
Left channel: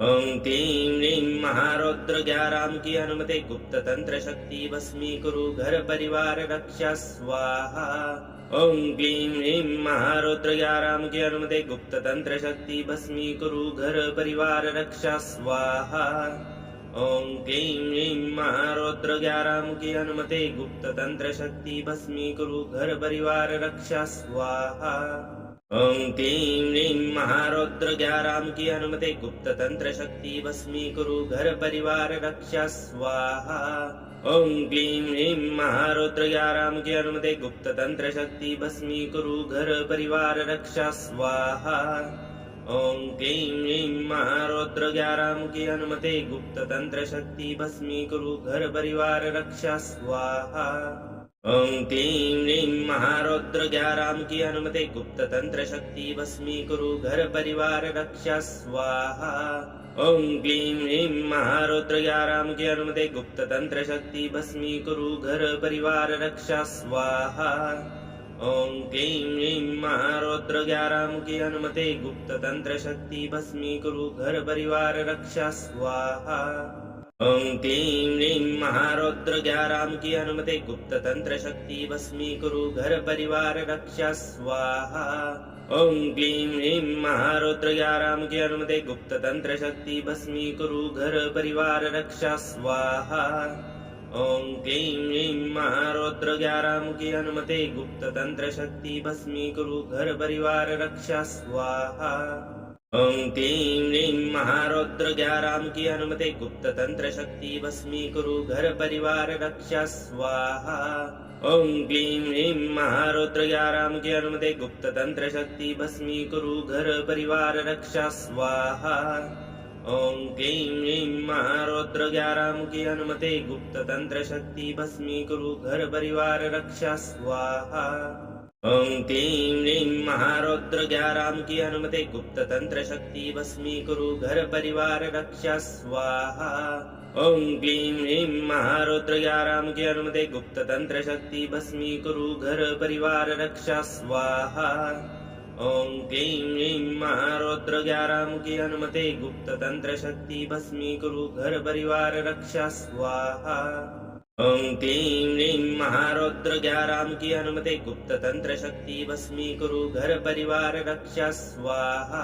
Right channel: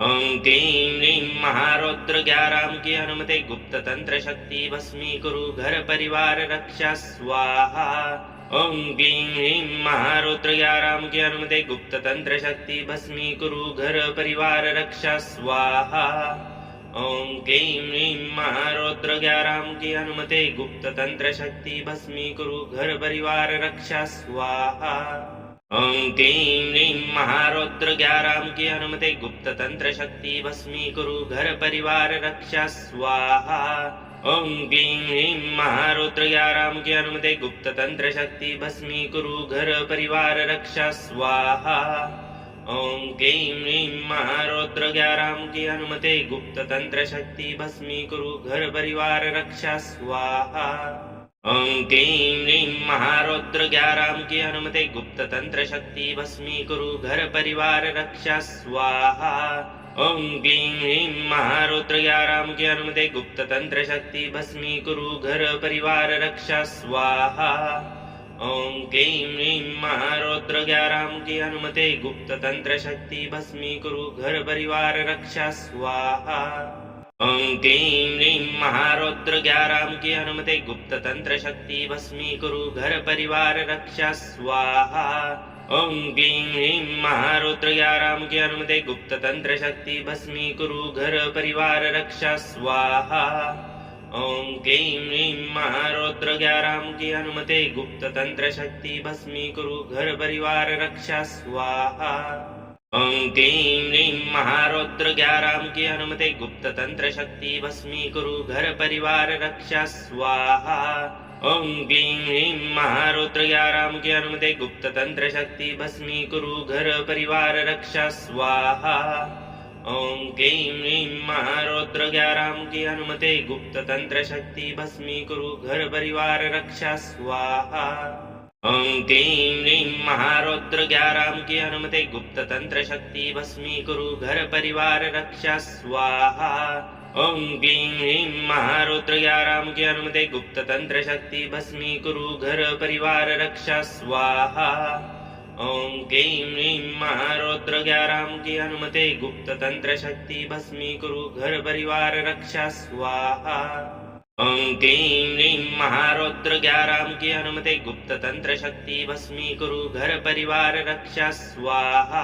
ओं क्लीं ह्रीं महारौद्र ग्याराम की अनुमति गुप्त तंत्र शक्ति भस्मीकुरु घर परिवार रक्षा स्वाहा। ओं क्लीं ह्रीं महारौद्र ग्याराम की अनुमति गुप्त तंत्र शक्ति भस्मीकुरु घर परिवार रक्षा स्वाहा। ओं क्लीं ह्रीं महारौद्र ग्याराम की अनुमति गुप्त तंत्र शक्ति भस्मीकुरु घर परिवार रक्षा स्वाहा। ओं क्लीं ह्रीं महारौद्र ग्याराम की अनुमति गुप्त तंत्र शक्ति भस्मीकुरु घर परिवार रक्षा स्वाहा। ओं क्लीं ह्रीं महारौद्र ग्याराम की अनुमति गुप्त तंत्र शक्ति भस्मीकुरु घर परिवार रक्षा स्वाहा। ओं क्लीं ह्रीं महारौद्र ग्याराम की अनुमति गुप्त तंत्र शक्ति भस्मीकुरु घर परिवार रक्षा स्वाहा। ओं क्लीं ह्रीं महारौद्र ग्याराम की अनुमति गुप्त तंत्र शक्ति भस्मीकुरु घर परिवार रक्षा स्वाहा। ओं क्लीं ह्रीं महारौद्र ग्याराम की अनुमति गुप्त तंत्र शक्ति भस्मीकुरु घर परिवार रक्षा स्वाहा। ओं क्लीं ह्रीं महारौद्र ग्याराम की अनुमति गुप्त तंत्र शक्ति भस्मीकुरु घर परिवार रक्षा स्वाहा। ओं क्लीं ह्रीं महारौद्र ग्याराम की अनुमति गुप्त तंत्र शक्ति भस्मीकुरु घर परिवार रक्षा स्वाहा। ओं क्लीं ह्रीं महारौद्र ग्याराम की अनुमति गुप्त तंत्र शक्ति भस्मीकुरु घर परिवार रक्षा स्वाहा। ओं क्लीं ह्रीं महारौद्र ग्याराम की अनुमति गुप्त तंत्र शक्ति भस्मीकुरु घर परिवार रक्षा स्वाहा। ओं क्लीं ह्रीं महारौद्र ग्याराम की अनुमति गुप्त तंत्र शक्ति भस्मीकुरु घर परिवार रक्षा स्वाहा। ओं क्लीं ह्रीं महारौद्र ग्याराम की अनुमति गुप्त तंत्र शक्ति भस्मीकुरु घर परिवार रक्षा स्वाहा। ओम क्लीं ह्रीं महारौद्र ग्यारहमुखी हनुमते गुप्त तंत्र शक्ति भस्मीकुरु घर परिवार रक्षा स्वाहा। ओम क्लीं ह्रीं महारौद्र ग्यारहमुखी हनुमते गुप्त तंत्र शक्ति भस्मीकुरु घर परिवार रक्षा स्वाहा। ओम क्लीं ह्रीं महारौद्र ग्यारहमुखी हनुमते गुप्त तंत्र शक्ति भस्मीकुरु घर परिवार रक्षा स्वाहा। ओम क्लीं ह्रीं महारौद्र ग्यारहमुखी हनुमते गुप्त तंत्र शक्ति भस्मीकुरु घर परिवार रक्षा स्वाहा। ओम क्लीं ह्रीं महारौद्र ग्यारहमुखी हनुमते गुप्त तंत्र शक्ति भस्मीकुरु घर परिवार रक्षा स्वाहा।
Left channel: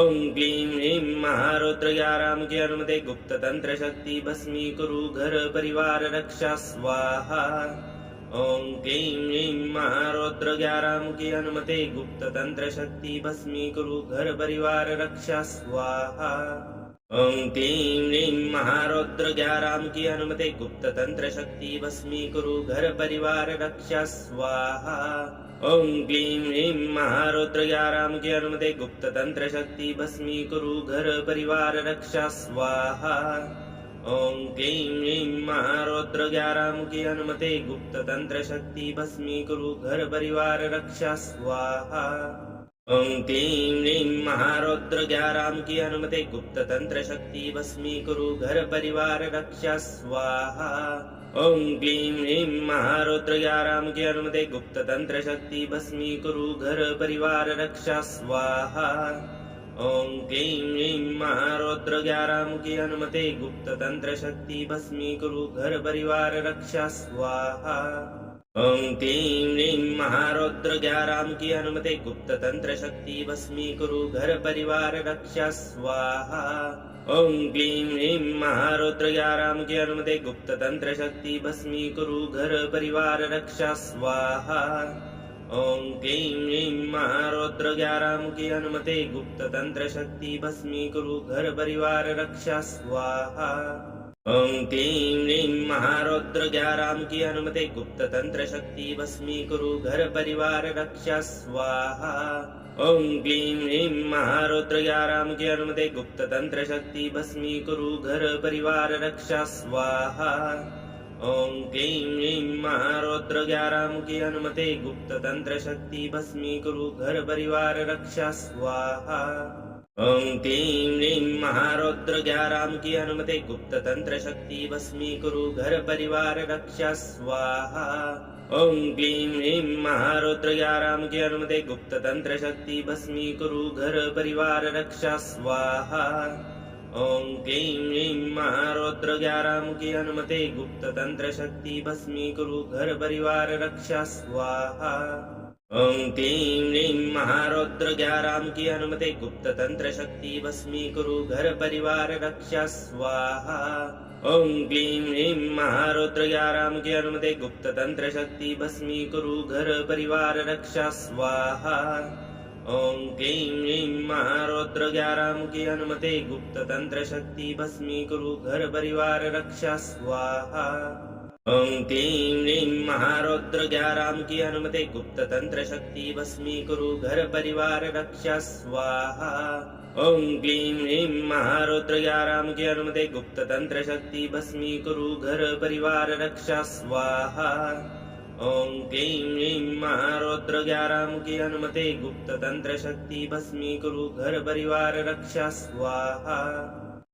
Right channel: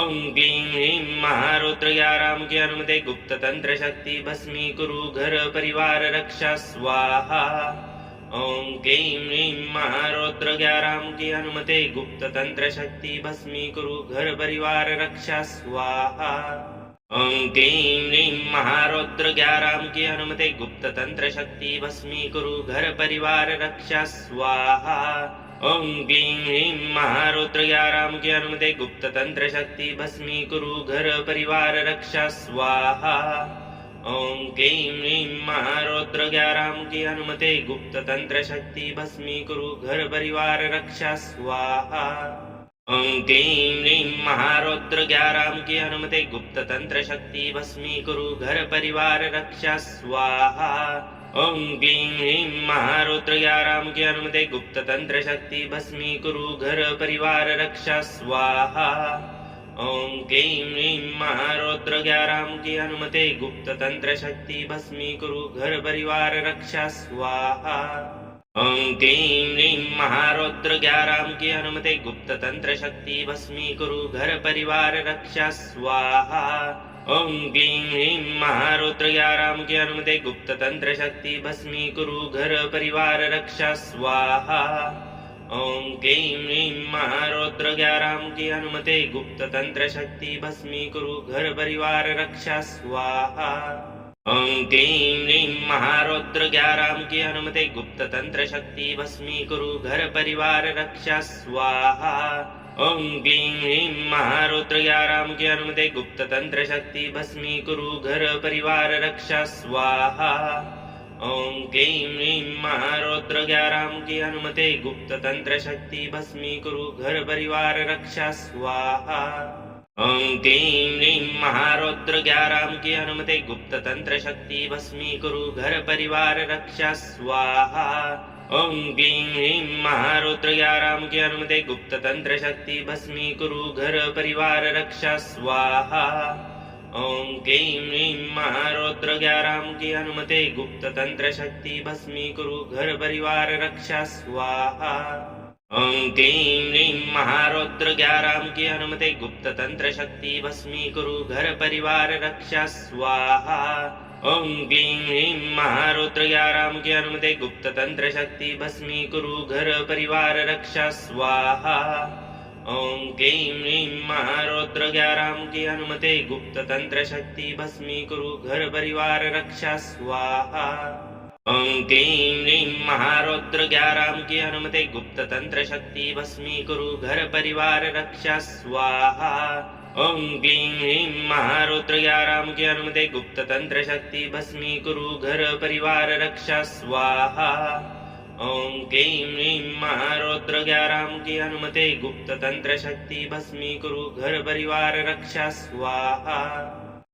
ओम क्लीं ह्रीं महारौद्र ग्यारहमुखी हनुमते गुप्त तंत्र शक्ति भस्मीकुरु घर परिवार रक्षा स्वाहा। ओम क्लीं ह्रीं महारौद्र ग्यारहमुखी हनुमते गुप्त तंत्र शक्ति भस्मीकुरु घर परिवार रक्षा स्वाहा। ओम क्लीं ह्रीं महारौद्र ग्यारहमुखी हनुमते गुप्त तंत्र शक्ति भस्मीकुरु घर परिवार रक्षा स्वाहा। ओम क्लीं ह्रीं महारौद्र ग्यारहमुखी हनुमते गुप्त तंत्र शक्ति भस्मीकुरु घर परिवार रक्षा स्वाहा। ओम क्लीं ह्रीं महारौद्र ग्यारहमुखी हनुमते गुप्त तंत्र शक्ति भस्मीकुरु घर परिवार रक्षा स्वाहा। ओम क्लीं ह्रीं महारौद्र ग्यारहमुखी हनुमते गुप्त तंत्र शक्ति भस्मीकुरु घर परिवार रक्षा स्वाहा। ओम क्लीं ह्रीं महारौद्र ग्यारहमुखी हनुमते गुप्त तंत्र शक्ति भस्मीकुरु घर परिवार रक्षा स्वाहा। ओम क्लीं ह्रीं महारौद्र ग्यारहमुखी हनुमते गुप्त तंत्र शक्ति भस्मीकुरु घर परिवार रक्षा स्वाहा। ओम क्लीं ह्रीं महारौद्र ग्यारहमुखी हनुमते गुप्त तंत्र शक्ति भस्मीकुरु घर परिवार रक्षा स्वाहा। ओम क्लीं ह्रीं महारौद्र ग्यारहमुखी हनुमते गुप्त तंत्र शक्ति भस्मीकुरु घर परिवार रक्षा स्वाहा। ओम क्लीं ह्रीं महारौद्र ग्यारहमुखी हनुमते गुप्त तंत्र शक्ति भस्मीकुरु घर परिवार रक्षा स्वाहा। ओम क्लीं ह्रीं महारौद्र ग्यारहमुखी हनुमते गुप्त तंत्र शक्ति भस्मीकुरु घर परिवार रक्षा स्वाहा। ओम क्लीं ह्रीं महारौद्र ग्यारहमुखी हनुमते गुप्त तंत्र शक्ति भस्मीकुरु घर परिवार रक्षा स्वाहा। ओम क्लीं ह्रीं महारौद्र ग्यारहमुखी हनुमते गुप्त तंत्र शक्ति भस्मीकुरु घर परिवार रक्षा स्वाहा। ओम क्लीं ह्रीं महारौद्र ग्यारहमुखी हनुमते गुप्त तंत्र शक्ति भस्मीकुरु घर परिवार रक्षा स्वाहा। ओम क्लीं ह्रीं महारौद्र ग्यारहमुखी हनुमते गुप्त तंत्र शक्ति भस्मीकुरु घर परिवार रक्षा स्वाहा। ओम क्लीं ह्रीं महारौद्र ग्यारहमुखी हनुमते गुप्त तंत्र शक्ति भस्मीकुरु घर परिवार रक्षा स्वाहा। ओम क्लीं ह्रीं महारौद्र ग्यारहमुखी हनुमते गुप्त तंत्र शक्ति भस्मीकुरु घर परिवार रक्षा स्वाहा। ओम क्लीं ह्रीं महारौद्र ग्यारहमुखी हनुमते गुप्त तंत्र शक्ति भस्मीकुरु घर परिवार रक्षा स्वाहा। ओम क्लीं ह्रीं महारौद्र ग्यारहमुखी हनुमते गुप्त तंत्र शक्ति भस्मीकुरु घर परिवार रक्षा स्वाहा। ओम क्लीं ह्रीं महारौद्र ग्यारहमुखी हनुमते गुप्त तंत्र शक्ति भस्मीकुरु घर परिवार रक्षा स्वाहा। ओम क्लीं ह्रीं महारौद्र ग्यारहमुखी हनुमते गुप्त तंत्र शक्ति भस्मीकुरु घर परिवार रक्षा स्वाहा। ओम क्लीं ह्रीं महारौद्र ग्यारहमुखी हनुमते गुप्त तंत्र शक्ति भस्मीकुरु घर परिवार रक्षा स्वाहा।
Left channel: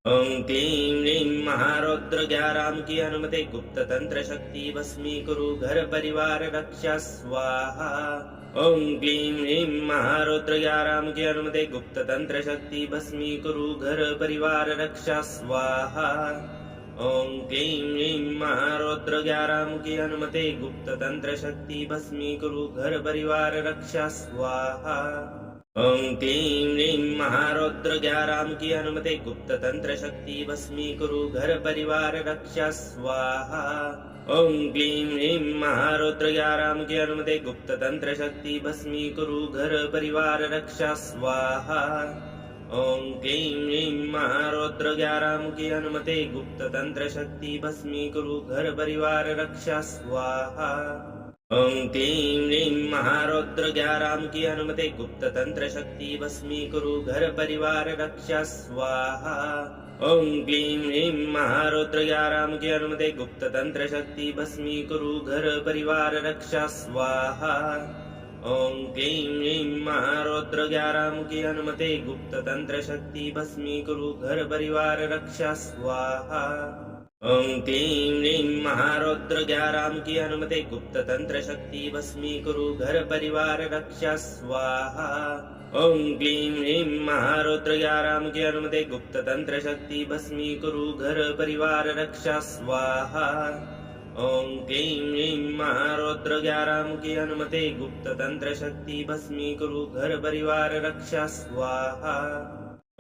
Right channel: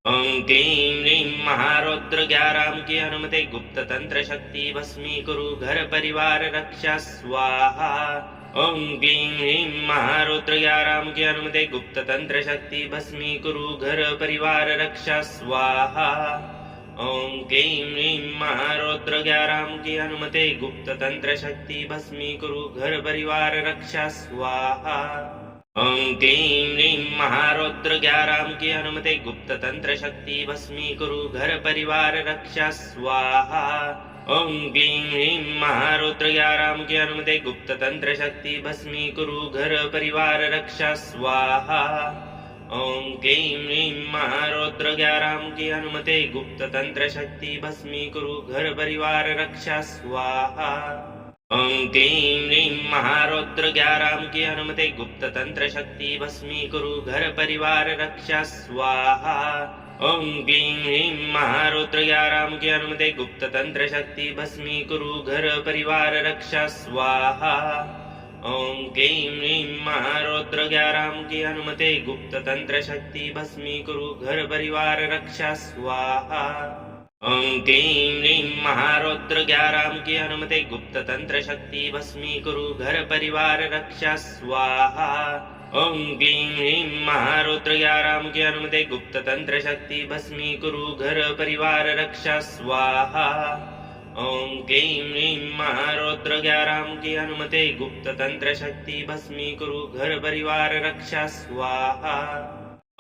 ओम क्लीं ह्रीं महारौद्र ग्यारहमुखी हनुमते गुप्त तंत्र शक्ति भस्मीकुरु घर परिवार रक्षा स्वाहा। ओम क्लीं ह्रीं महारौद्र ग्यारहमुखी हनुमते गुप्त तंत्र शक्ति भस्मीकुरु घर परिवार रक्षा स्वाहा। ओम क्लीं ह्रीं महारौद्र ग्यारहमुखी हनुमते गुप्त तंत्र शक्ति भस्मीकुरु घर परिवार रक्षा स्वाहा। ओम क्लीं ह्रीं महारौद्र ग्यारहमुखी हनुमते गुप्त तंत्र शक्ति भस्मीकुरु घर परिवार रक्षा स्वाहा। ओम क्लीं ह्रीं महारौद्र ग्यारहमुखी हनुमते गुप्त तंत्र शक्ति भस्मीकुरु घर परिवार रक्षा स्वाहा। ओम क्लीं ह्रीं महारौद्र ग्यारहमुखी हनुमते गुप्त तंत्र शक्ति भस्मीकुरु घर परिवार रक्षा स्वाहा। ओम क्लीं ह्रीं महारौद्र 11 की अनुमति गुप्त तंत्र शक्ति भस्मीकुरु घर परिवार रक्षा स्वाहा। ओम क्लीं ह्रीं महारौद्र 11 की अनुमति गुप्त तंत्र शक्ति भस्मीकुरु घर परिवार रक्षा स्वाहा। ओम क्लीं ह्रीं महारौद्र 11 की अनुमति गुप्त तंत्र शक्ति भस्मीकुरु घर परिवार रक्षा स्वाहा। ओम क्लीं ह्रीं महारौद्र 11 की अनुमति गुप्त तंत्र शक्ति भस्मीकुरु घर परिवार रक्षा स्वाहा। ओम क्लीं ह्रीं महारौद्र 11 की अनुमति गुप्त तंत्र शक्ति भस्मीकुरु घर परिवार रक्षा स्वाहा। ओम क्लीं ह्रीं महारौद्र 11 की अनुमति गुप्त तंत्र शक्ति भस्मीकुरु घर परिवार रक्षा स्वाहा।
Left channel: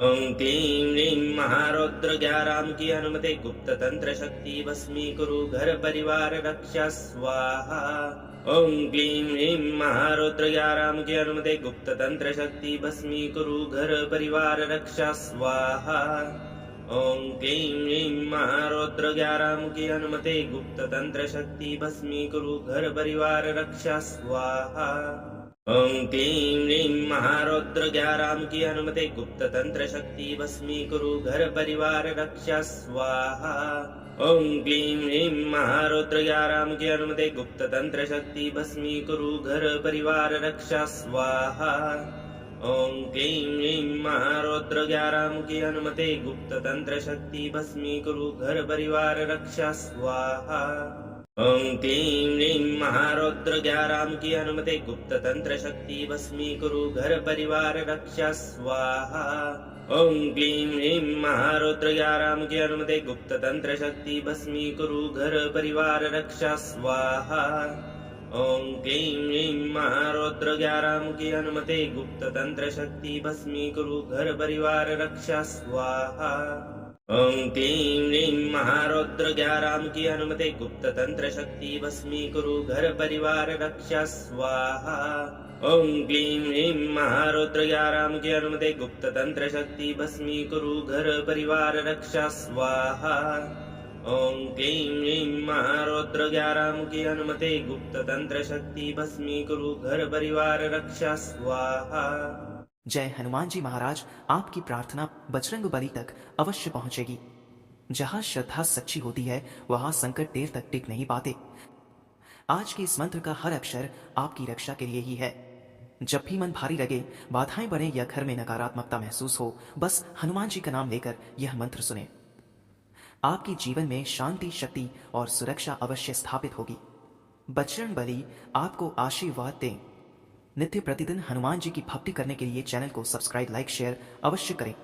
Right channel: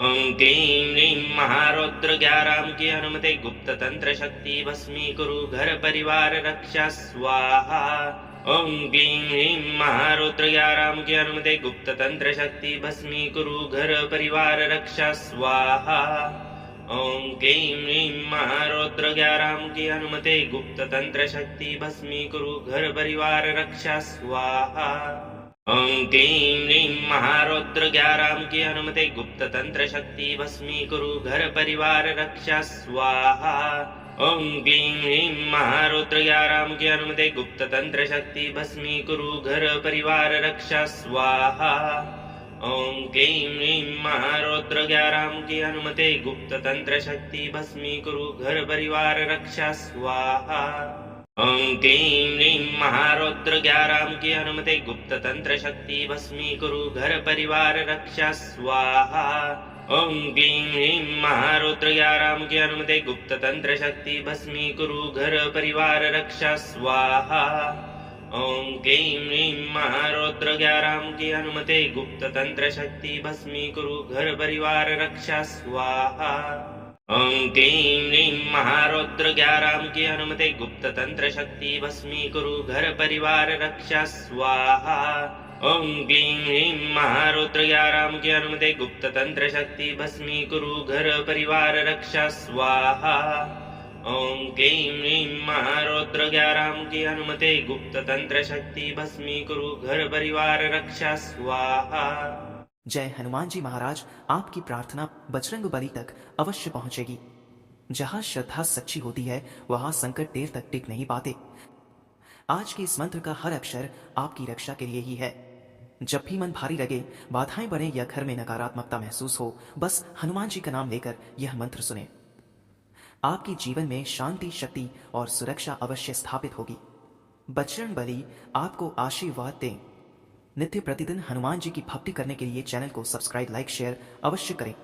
ओम क्लीं ह्रीं महारौद्र 11 की अनुमति गुप्त तंत्र शक्ति भस्मीकुरु घर परिवार रक्षा स्वाहा। ओम क्लीं ह्रीं महारौद्र 11 की अनुमति गुप्त तंत्र शक्ति भस्मीकुरु घर परिवार रक्षा स्वाहा। ओम क्लीं ह्रीं महारौद्र 11 की अनुमति गुप्त तंत्र शक्ति भस्मीकुरु घर परिवार रक्षा स्वाहा। ओम क्लीं ह्रीं महारौद्र 11 की अनुमति गुप्त तंत्र शक्ति भस्मीकुरु घर परिवार रक्षा स्वाहा। ओम क्लीं ह्रीं महारौद्र 11 की अनुमति गुप्त तंत्र शक्ति भस्मीकुरु घर परिवार रक्षा स्वाहा। ओम क्लीं ह्रीं महारौद्र 11 की अनुमति गुप्त तंत्र शक्ति भस्मीकुरु घर परिवार रक्षा स्वाहा। ओम क्लीं ह्रीं महारौद्र 11 की अनुमति गुप्त तंत्र शक्ति भस्मीकुरु घर परिवार रक्षा स्वाहा। ओम क्लीं ह्रीं महारौद्र 11 की अनुमति गुप्त तंत्र शक्ति भस्मीकुरु घर परिवार रक्षा स्वाहा। ओम क्लीं ह्रीं महारौद्र 11 की अनुमति गुप्त तंत्र शक्ति भस्मीकुरु घर परिवार रक्षा स्वाहा। ओम क्लीं ह्रीं महारौद्र 11 की अनुमति गुप्त तंत्र शक्ति भस्मीकुरु घर परिवार रक्षा स्वाहा। ओम क्लीं ह्रीं महारौद्र 11 की अनुमति गुप्त तंत्र शक्ति भस्मीकुरु घर परिवार रक्षा स्वाहा। ओम क्लीं ह्रीं महारौद्र 11 की अनुमति गुप्त तंत्र शक्ति भस्मीकुरु घर परिवार रक्षा स्वाहा। जय हनुमान जी महाराज। आपकी प्रार्थना बजरंग बली तक अवश्य पहुंचेगी। जहां श्रद्धा सच्ची होती है वहां संकट देर तक टिक नहीं पाते। आज के इस मंत्र का हर अक्षर आपकी रक्षा के लिए ही है। जब भी मन भारी लगे, बाधाएं बढ़े या घर में नकारात्मकता महसूस हो, बस हनुमान जी का नाम लेकर यह मंत्र सुने। आपके जीवन में शांति, शक्ति और सुरक्षा अवश्य स्थापित होगी। बजरंग बली आपको आशीर्वाद दें। नित्य प्रतिदिन हनुमान जी की भक्ति करने के लिए चैनल को सब्सक्राइब, लाइक, शेयर अवश्य करें।